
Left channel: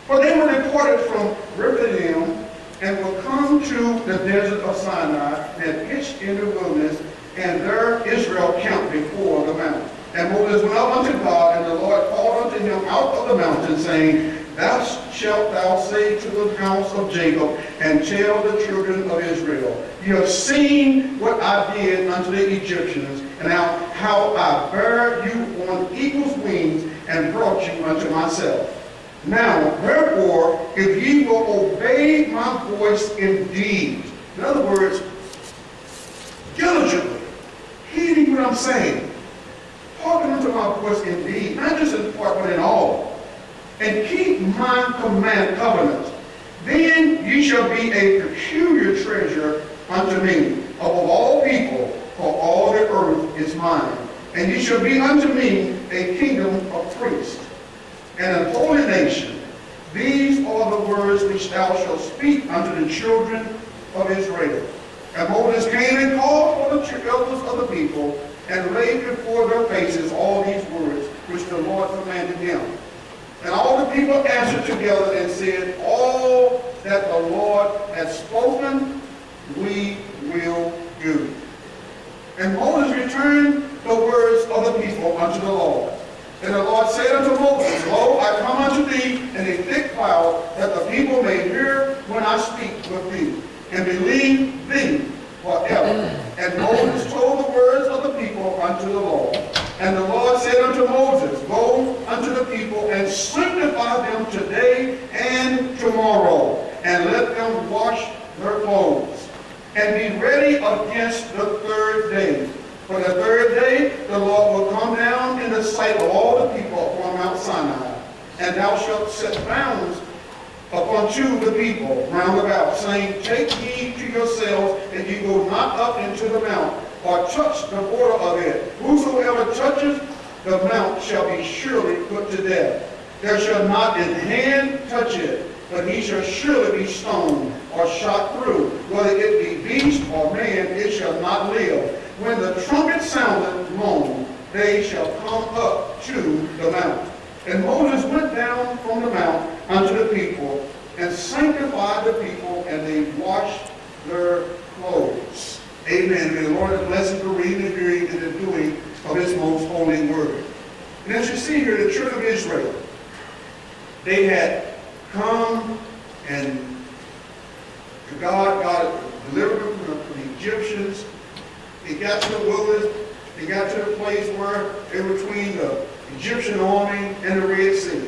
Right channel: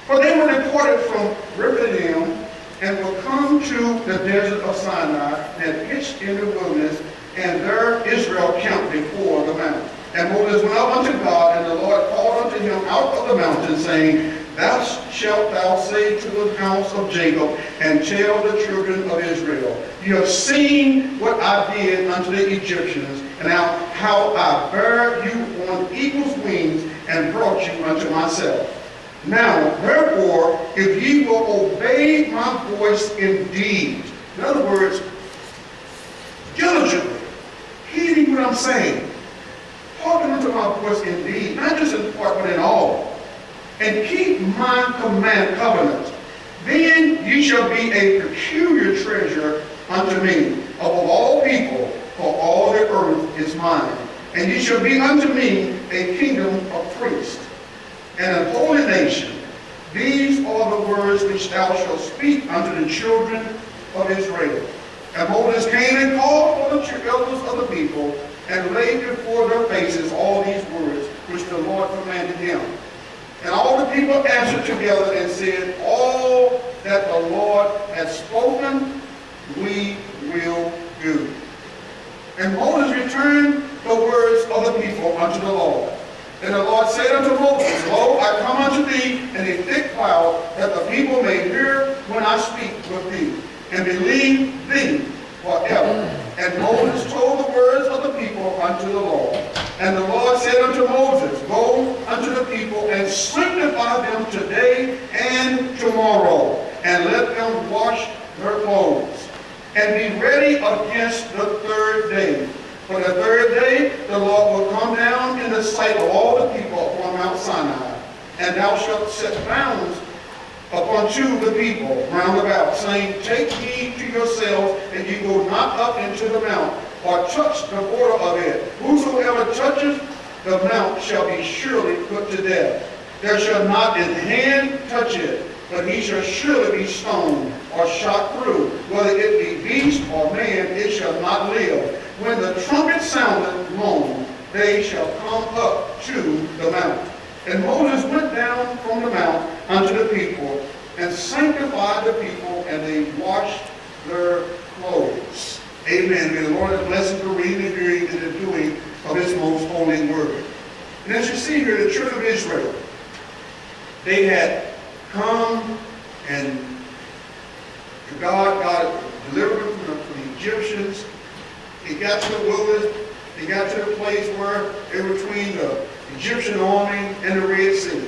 For they were departed from Rephidim, and were come to the desert of Sinai, and pitched in the wilderness, and there Israel camped before the mountain. And Moses went up unto God, and the Lord called unto him out of the mountain, saying, Thou shalt thou say to the house of Jacob, and tell the children of Israel, You have seen what I did unto the Egyptians, and how I bare you on eagle's wings, and brought you unto myself. Now, therefore, if ye will obey my voice indeed, in other words, diligently, heeding what I'm saying, hearken unto my voice indeed, not just in part, but in all, and keep my covenant, then ye shall be a peculiar treasure unto me, above all people, for all the earth is mine. And ye shall be unto me a kingdom of priests, and a holy nation. These are the words which thou shalt speak unto the children of Israel. And Moses came and called for the elders of the people, and laid before their faces all these words which the Lord commanded him. And all the people answered together and said, All that the Lord hath spoken, we will do. And Moses returned the words of the people unto the Lord. And the Lord said unto Moses, Lo, I come unto thee in a thick cloud, that the people may hear when I speak with thee, and believe thee forever. And Moses told the words of the people unto the Lord. And the Lord said unto Moses, Go unto the people, and sanctify them today and tomorrow, and let them wash their clothes, and be ready against the third day. For the third day the Lord will come down in the sight of all the people upon Mount Sinai, and thou shalt set bounds upon the people round about, saying, Take heed to yourselves, that ye go not up into the mount, or touch the border of it. Whosoever touches the mount shall be surely put to death. There shall not an hand touch it, but he shall surely be stoned or shot through. Whether it be beast or man, it shall not live. When the trumpet soundeth long, they shall come up to the mount. And Moses went down from the mount unto the people, and sanctified the people, and they washed their clothes. Amen. May the Lord have blessed the reading, the hearing, and the doing of his most holy word. And as you see here, the children of Israel, they had come and to God delivered them from the Egyptians. They got to the wilderness. They got to the place where they were between the Egyptian army and the Red Sea.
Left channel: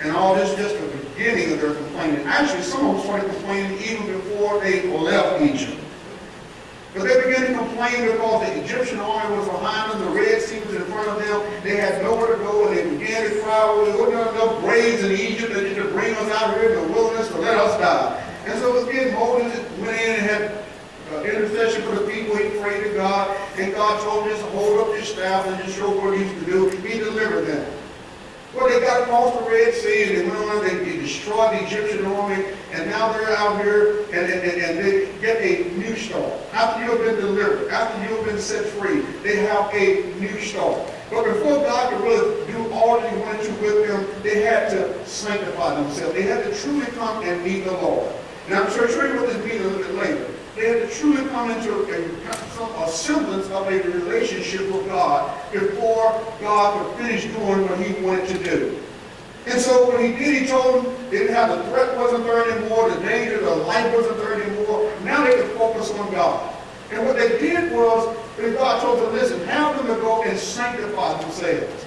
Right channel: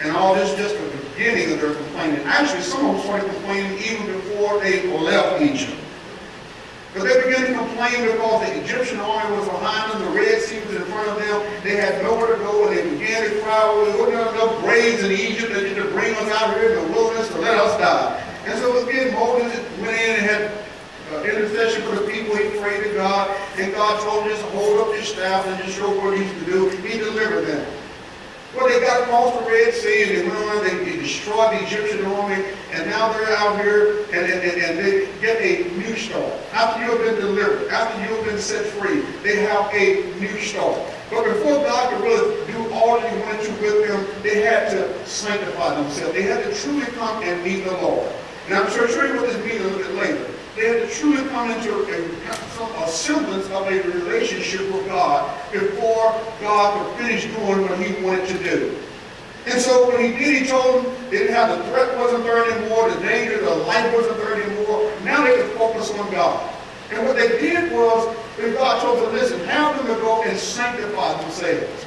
And all this just the beginning of their complaining. Actually, some of them started complaining even before they left Egypt. But they began to complain because the Egyptian army was behind them, the Red Sea was in front of them, they had nowhere to go, and they began to cry, well, there wasn't enough graves in Egypt that you could bring us out here in the wilderness to let us die. And so again, Moses went in and had intercession for the people. He prayed to God, and God told him just to hold up his staff and just show what he's to do. He delivered them. Well, they got across the Red Sea, and they went on, they destroyed the Egyptian army, and now they're out here, and they get a new start. After you have been delivered, after you have been set free, they have a new start. But before God could really do all that he wanted to with them, they had to sanctify themselves. They had to truly come and meet the Lord. And I'm sure show you what this means a little bit later. They had to truly come into a semblance of a relationship with God before God could finish doing what he wanted to do. And so when he did, he told them they didn't have the threat wasn't there anymore, the danger, the life wasn't there anymore. Now they could focus on God. And what they did was, God told them, listen, have them to go and sanctify themselves.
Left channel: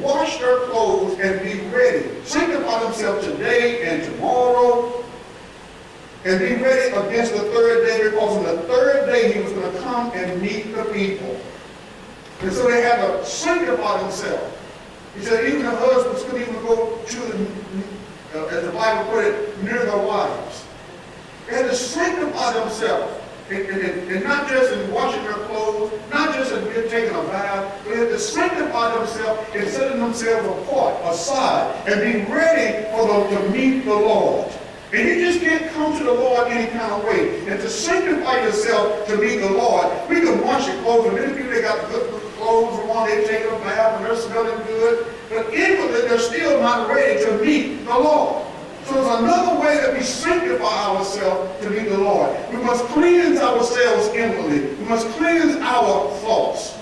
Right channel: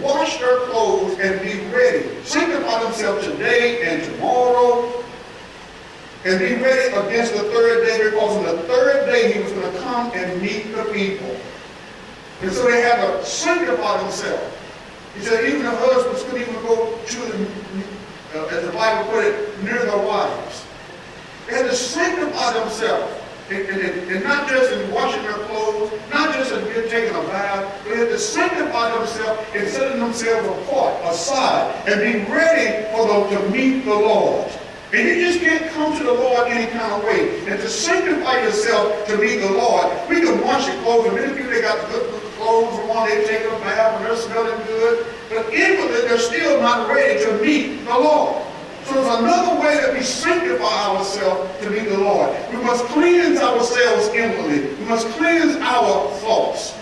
Wash their clothes and be ready. Sanctify themselves today and tomorrow. And be ready against the third day, because on the third day he was going to come and meet the people. And so they had to sanctify themselves. He said even the husbands couldn't even go to the, as the Bible put it, near their wives. They had to sanctify themselves. And not just in washing their clothes, not just in taking a bath, but they had to sanctify themselves and setting themselves apart, aside, and be ready for them to meet the Lord. And you just can't come to the Lord any kind of way. And to sanctify yourself to meet the Lord, we can wash your clothes. And many people, they got the good clothes on, they're taking a bath, and they're smelling good. But inwardly, they're still not ready to meet the Lord. So there's another way that we sanctify ourselves to meet the Lord. We must cleanse ourselves inwardly. We must cleanse our thoughts.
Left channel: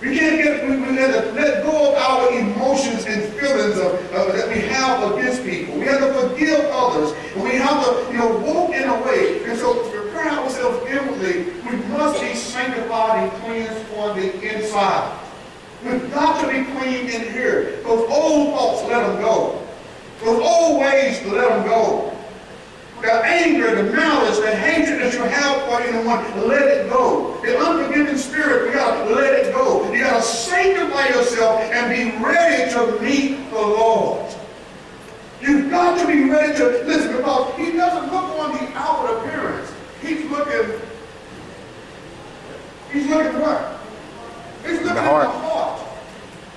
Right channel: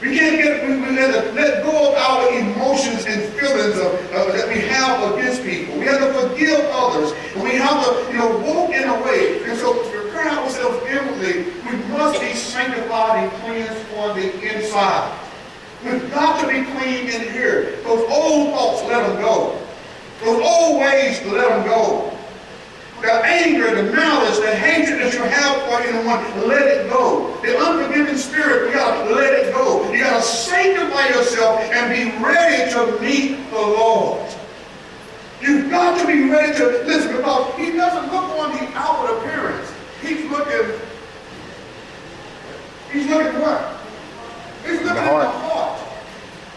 We have to let go of our emotions and feelings that we have against people. We have to forgive others. And we have to, walk in a way. And so to prepare ourselves inwardly, we must be sanctified and cleansed on the inside. We've got to be clean in here. Those old thoughts, let them go. Those old ways, let them go. The anger, the malice, the hatred that you have for anyone, let it go. The unforgiving spirit, we got to let it go. You got to sanctify yourself and be ready to meet the Lord. You've got to be ready to listen, because he doesn't look on the outward appearance. He's looking what? He's looking at the heart.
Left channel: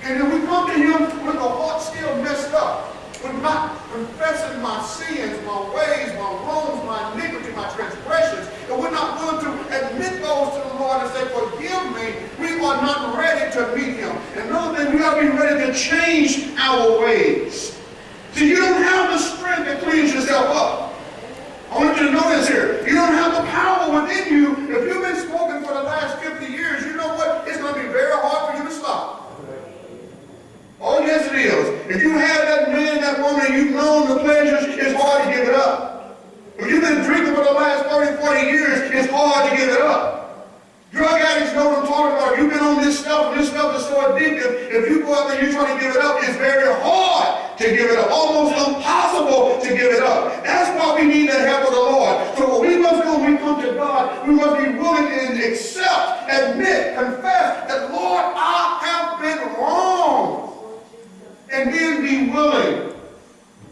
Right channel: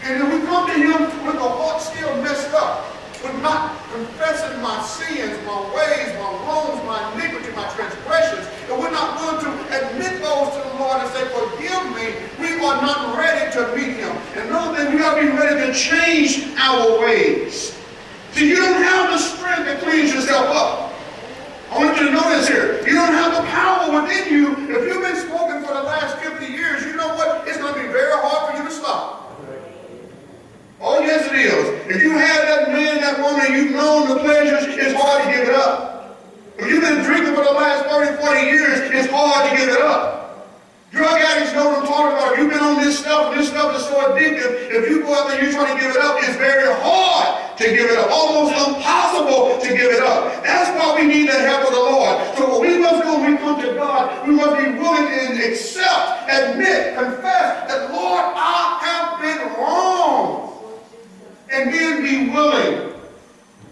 And if we come to him with the heart still messed up, with not confessing my sins, my ways, my wrongs, my iniquity, my transgressions, and we're not willing to admit those to the Lord and say, forgive me, we are not ready to meet him. And another thing, we got to be ready to change our ways. See, you don't have the strength to cleanse yourself up. I want you to notice here, you don't have the power within you. If you've been smoking for the last 50 years, you know what? It's going to be very hard for you to stop. Oh, yes, it is. If you had that man, that woman, you've known the pleasures, it's hard to give it up. If you've been drinking for the last 30, 40 years, it's hard to give it up. Drug addicts know what I'm talking about. If you've been on this stuff, and this stuff is so addictive, if you go out there and you're trying to give it up, it's very hard to give it up. Almost impossible to give it up. That's why we need the help of the Lord. So what we must do when we come to God, we must be willing and accept, admit, confess that, Lord, I have been wrong. And then be willing.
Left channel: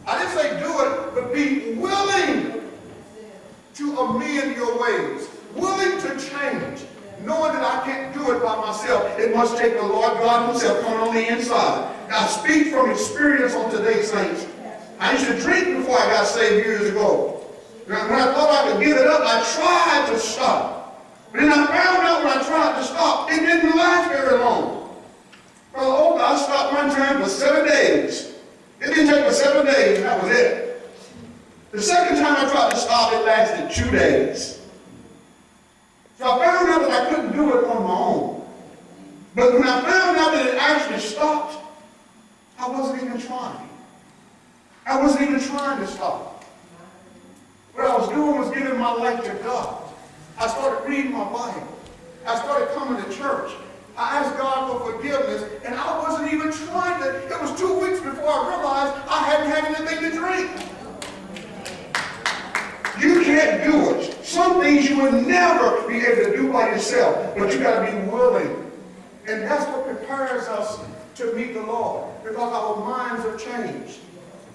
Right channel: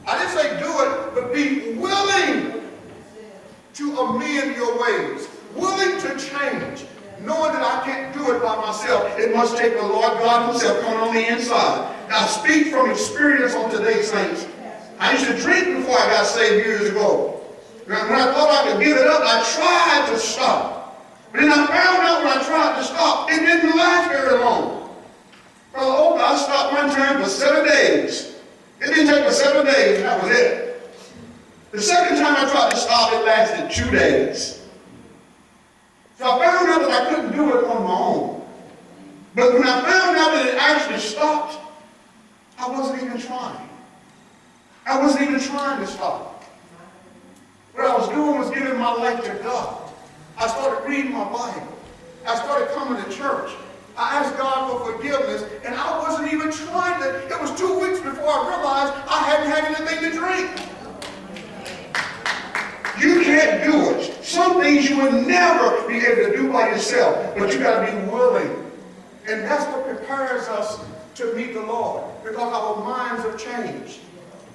I didn't say do it, but be willing to amend your ways. Willing to change. Knowing that I can't do it by myself. It must take the Lord God himself coming on the inside. I speak from experience on today, saints. I used to drink before I got saved years ago. When I thought I could give it up, I tried to stop. But then I found out when I tried to stop, it didn't last very long. Brother Oak, I stopped one time for 7 days. It didn't take but 7 days, and that was it. The second time I tried to stop, it lasted 2 days. So I found out that I couldn't do it on my own. But when I found out that it actually stopped, I wasn't even trying. I wasn't even trying to stop. What I was doing was giving my life to God. I started reading my Bible. I started coming to church. I asked God for forgiveness, and I wasn't even trying to. It was 2 weeks before I realized I hadn't had anything to drink. You can't do it. Some things you will never be able to do by yourself, but you got to be willing. And that's what prepares us to meet the Lord, because our minds have changed.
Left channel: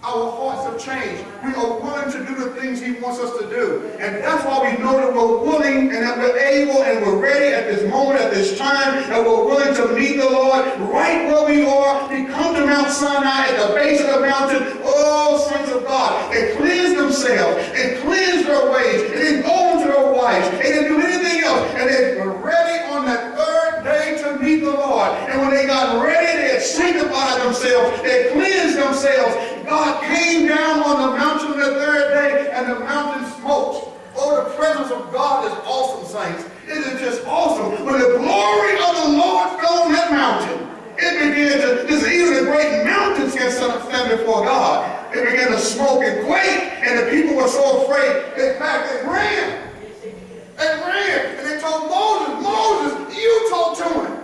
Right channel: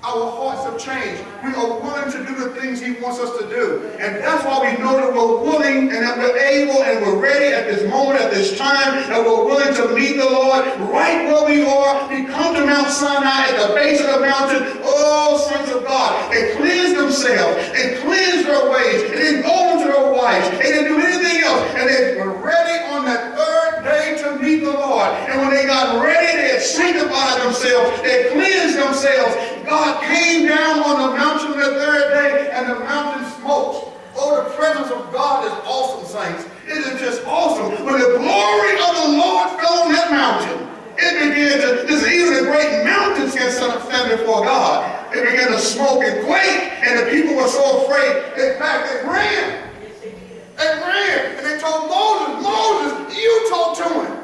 Our hearts have changed. We are willing to do the things he wants us to do. And that's why we know that we're willing and that we're able and we're ready at this moment, at this time, that we're willing to meet the Lord right where we are. We come to Mount Sinai at the base of the mountain. Oh, saints of God, they cleanse themselves and cleanse their ways and then go into their wives and then do anything else. And they were ready on that third day to meet the Lord. And when they got ready, they had had sanctified themselves. They had cleansed themselves. God came down on the mountain on the third day, and the mountain smoked. Oh, the presence of God is awesome, saints. It is just awesome. When the glory of the Lord fell on that mountain, it began to, even the great mountains can stand before God. It began to smoke and quake, and the people were so afraid. In fact, they ran. They ran, and they told Moses, Moses, you talk to him.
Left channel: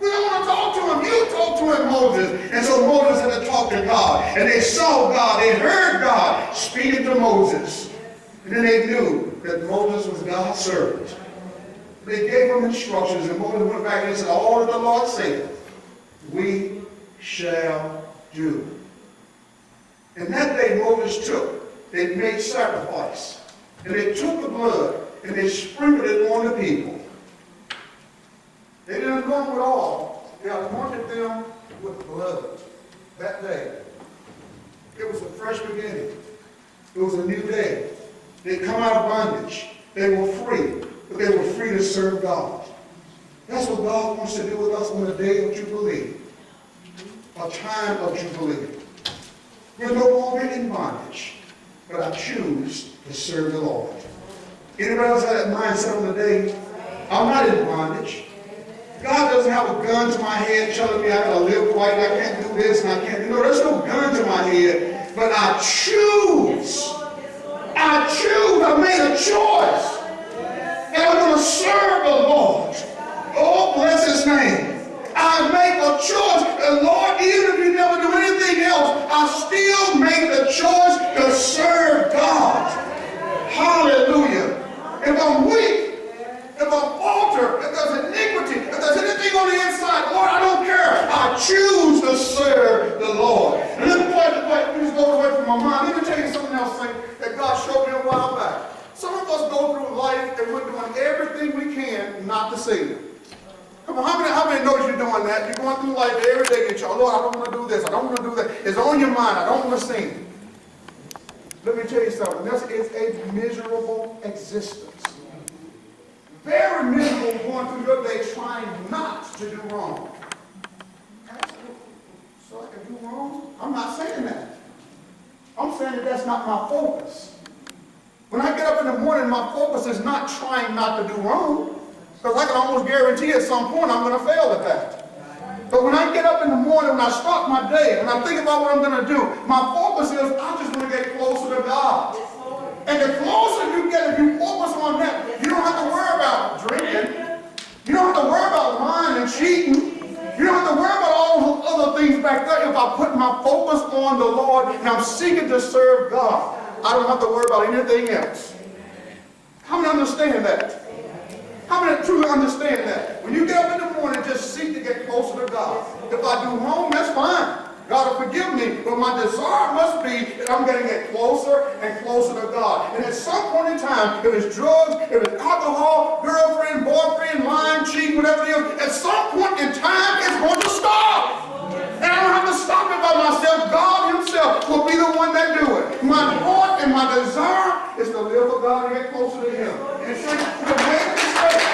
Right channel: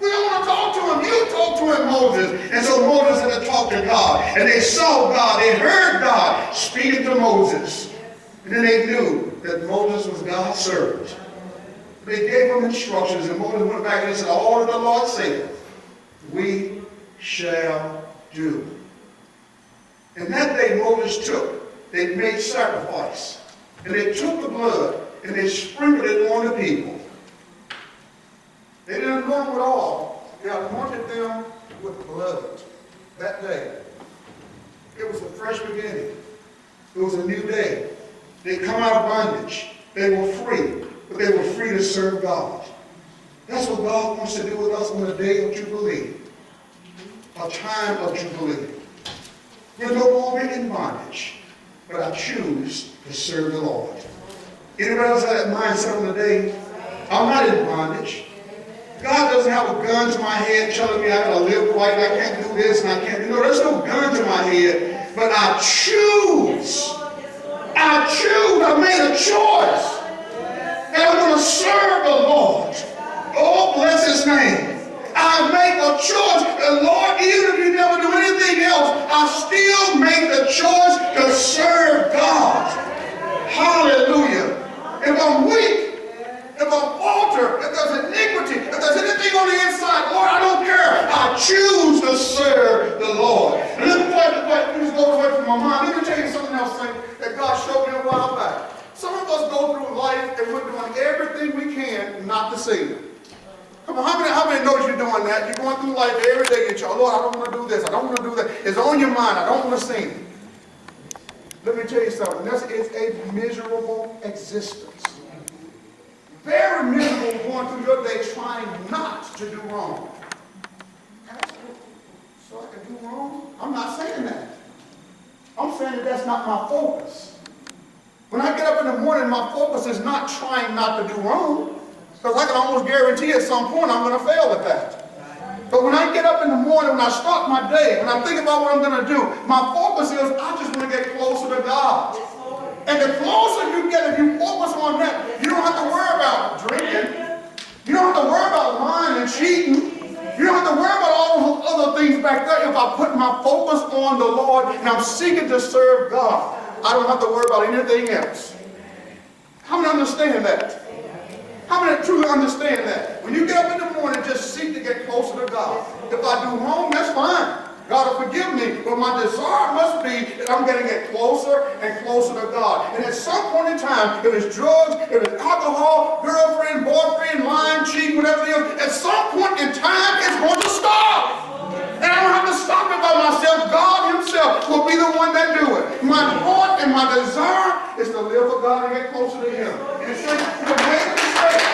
We don't want to talk to him. You talk to him, Moses. And so Moses had to talk to God. And they saw God. They heard God speaking to Moses. And then they knew that Moses was God's servant. They gave him instructions, and Moses went back and he said, all that the Lord said, we shall do. And that day Moses they made sacrifice. And they took the blood and they sprinkled it on the people. They didn't anoint them with oil. They anointed them with blood that day. It was a fresh beginning. It was a new day. They come out of bondage. They were free, but they were free to serve God. That's what God wants to do with us on the day of Jubilee. A time of Jubilee. We're no longer in bondage, but I choose to serve the Lord. Anybody else have that mindset on the day? I'm not in bondage. God doesn't have a gun to my head telling me I gotta live right, I can't do this and I can't do. No, there's no gun to my head, but I choose. I made a choice. And I'm going to serve the Lord. Oh, bless his name. I make a choice. And Lord, even if you never do anything else, I still make the choice to serve God. Hallelujah. If I'm weak, if I'm falter, if there's iniquity, if there's anything on the inside, Lord, I don't care. I choose to serve the Lord. And let me just go away from my mind. Let me tell you something else that God showed me a while back. Some of us go through life and we're doing everything we can not to sin. Come on, how many know that you're doing that? You're going through life every day. You're saying, Lord, I don't want to do this. I don't want to do that. It's on your mind. I don't want to sin. Let me tell you something. This is a miserable existence. Very miserable going through your day trying not to do wrong. So I can do wrong? I'm not saying that. I'm saying that that's not my focus. When I get up in the morning, my focus is not trying not to do wrong. Because I can almost guarantee at some point I'm going to fail at that. But when I get up in the morning, when I start my day, when I think about what I'm going to do, my focus is I just want to get closer to God. And the closer you get, if you focus on that, you don't have to worry about drinking. You don't have to worry about lying and cheating. You don't have to worry about all those other things back there. If I put my focus on the Lord and I'm seeking to serve God, I don't have to worry about anything else. How many understand that? How many truly understand that? When you get up in the morning, just seek to get closer to God. If I do wrong, that's fine. God will forgive me, but my desire must be that I'm going to get closer and closer to God. And at some point in time, if it's drugs, if it's alcohol, girlfriend, boyfriend, lying, cheating, whatever it is, at some point in time, it's going to stop. And I don't have to stop it by myself. God himself will be the one that do it. My heart and my desire is to live for God and get closer to him. And so we make a mistake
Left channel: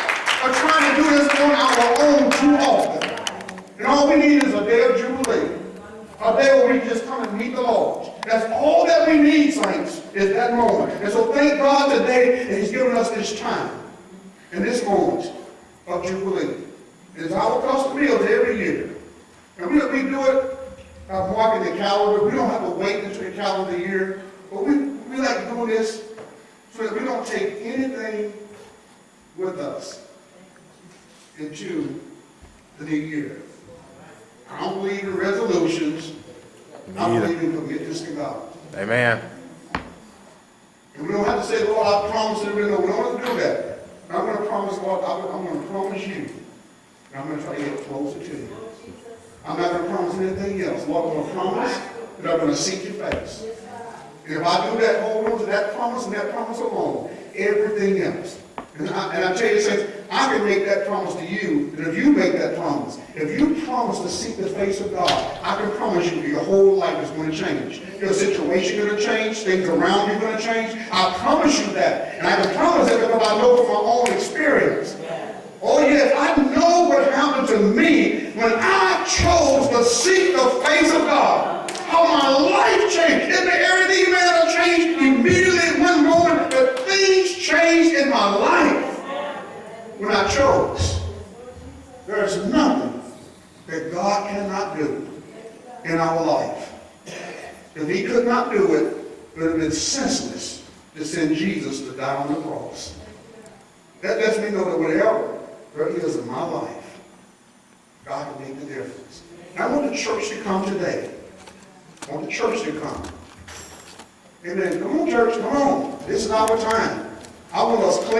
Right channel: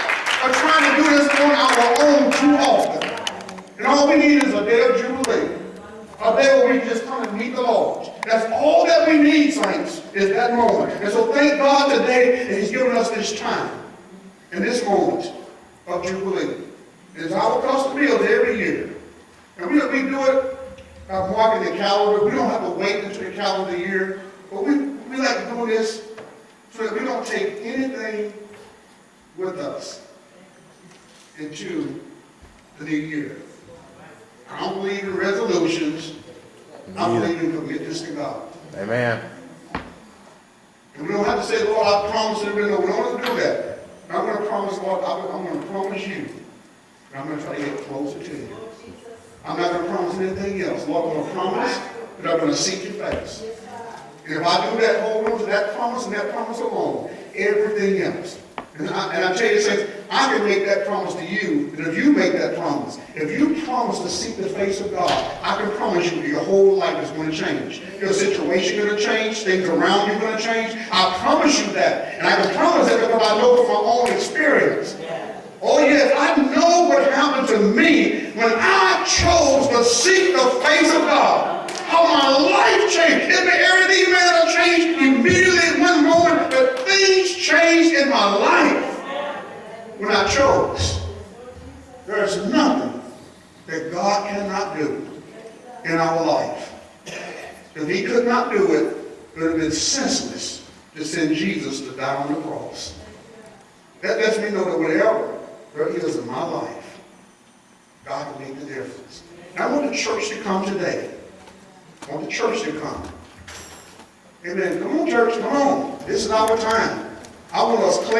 of trying to do this on our own too often. And all we need is a day of Jubilee. A day where we can just come and meet the Lord. That's all that we need, saints, is that moment. And so thank God today that he's given us this time and this moment of Jubilee. It is our custom meals every year. And we do it marking the calendar. We don't have to wait until the calendar year. But we like doing this so that we don't take anything with us into the new year. I don't believe in resolutions. I believe in commitments to God. Amen. And we don't have to say, Lord, I promise you. No, we don't have to do that. I'm going to promise, Lord, I'm going to promise you. And I'm going to try to get closer to you. I'm not going to promise anything else. Lord, I'm going to promise that I'm going to seek your face. And if I do that, hold on to that promise and that promise alone, everything else. And I tell you, saints, I can make that promise to you, and if you make that promise, if you promise to seek the face of God, I can promise you your whole life is going to change. Your situation is going to change, things around you are going to change. I promise you that. And I can promise that because I know from my own experience. Oh yes, I know what happened to me when I chose to seek the face of God. How my life changed. If everything man changed immediately in one moment, but things changed in my life when I chose. There's nothing that God cannot do in our life. If he could not do it, it would have been senseless to send Jesus to die on the cross. That lets me know that whatever there is in my life, God can make the difference. And I want the church to come today. I want the church to come. Amen. Come on, church. Come on. This is our time. I want us clean.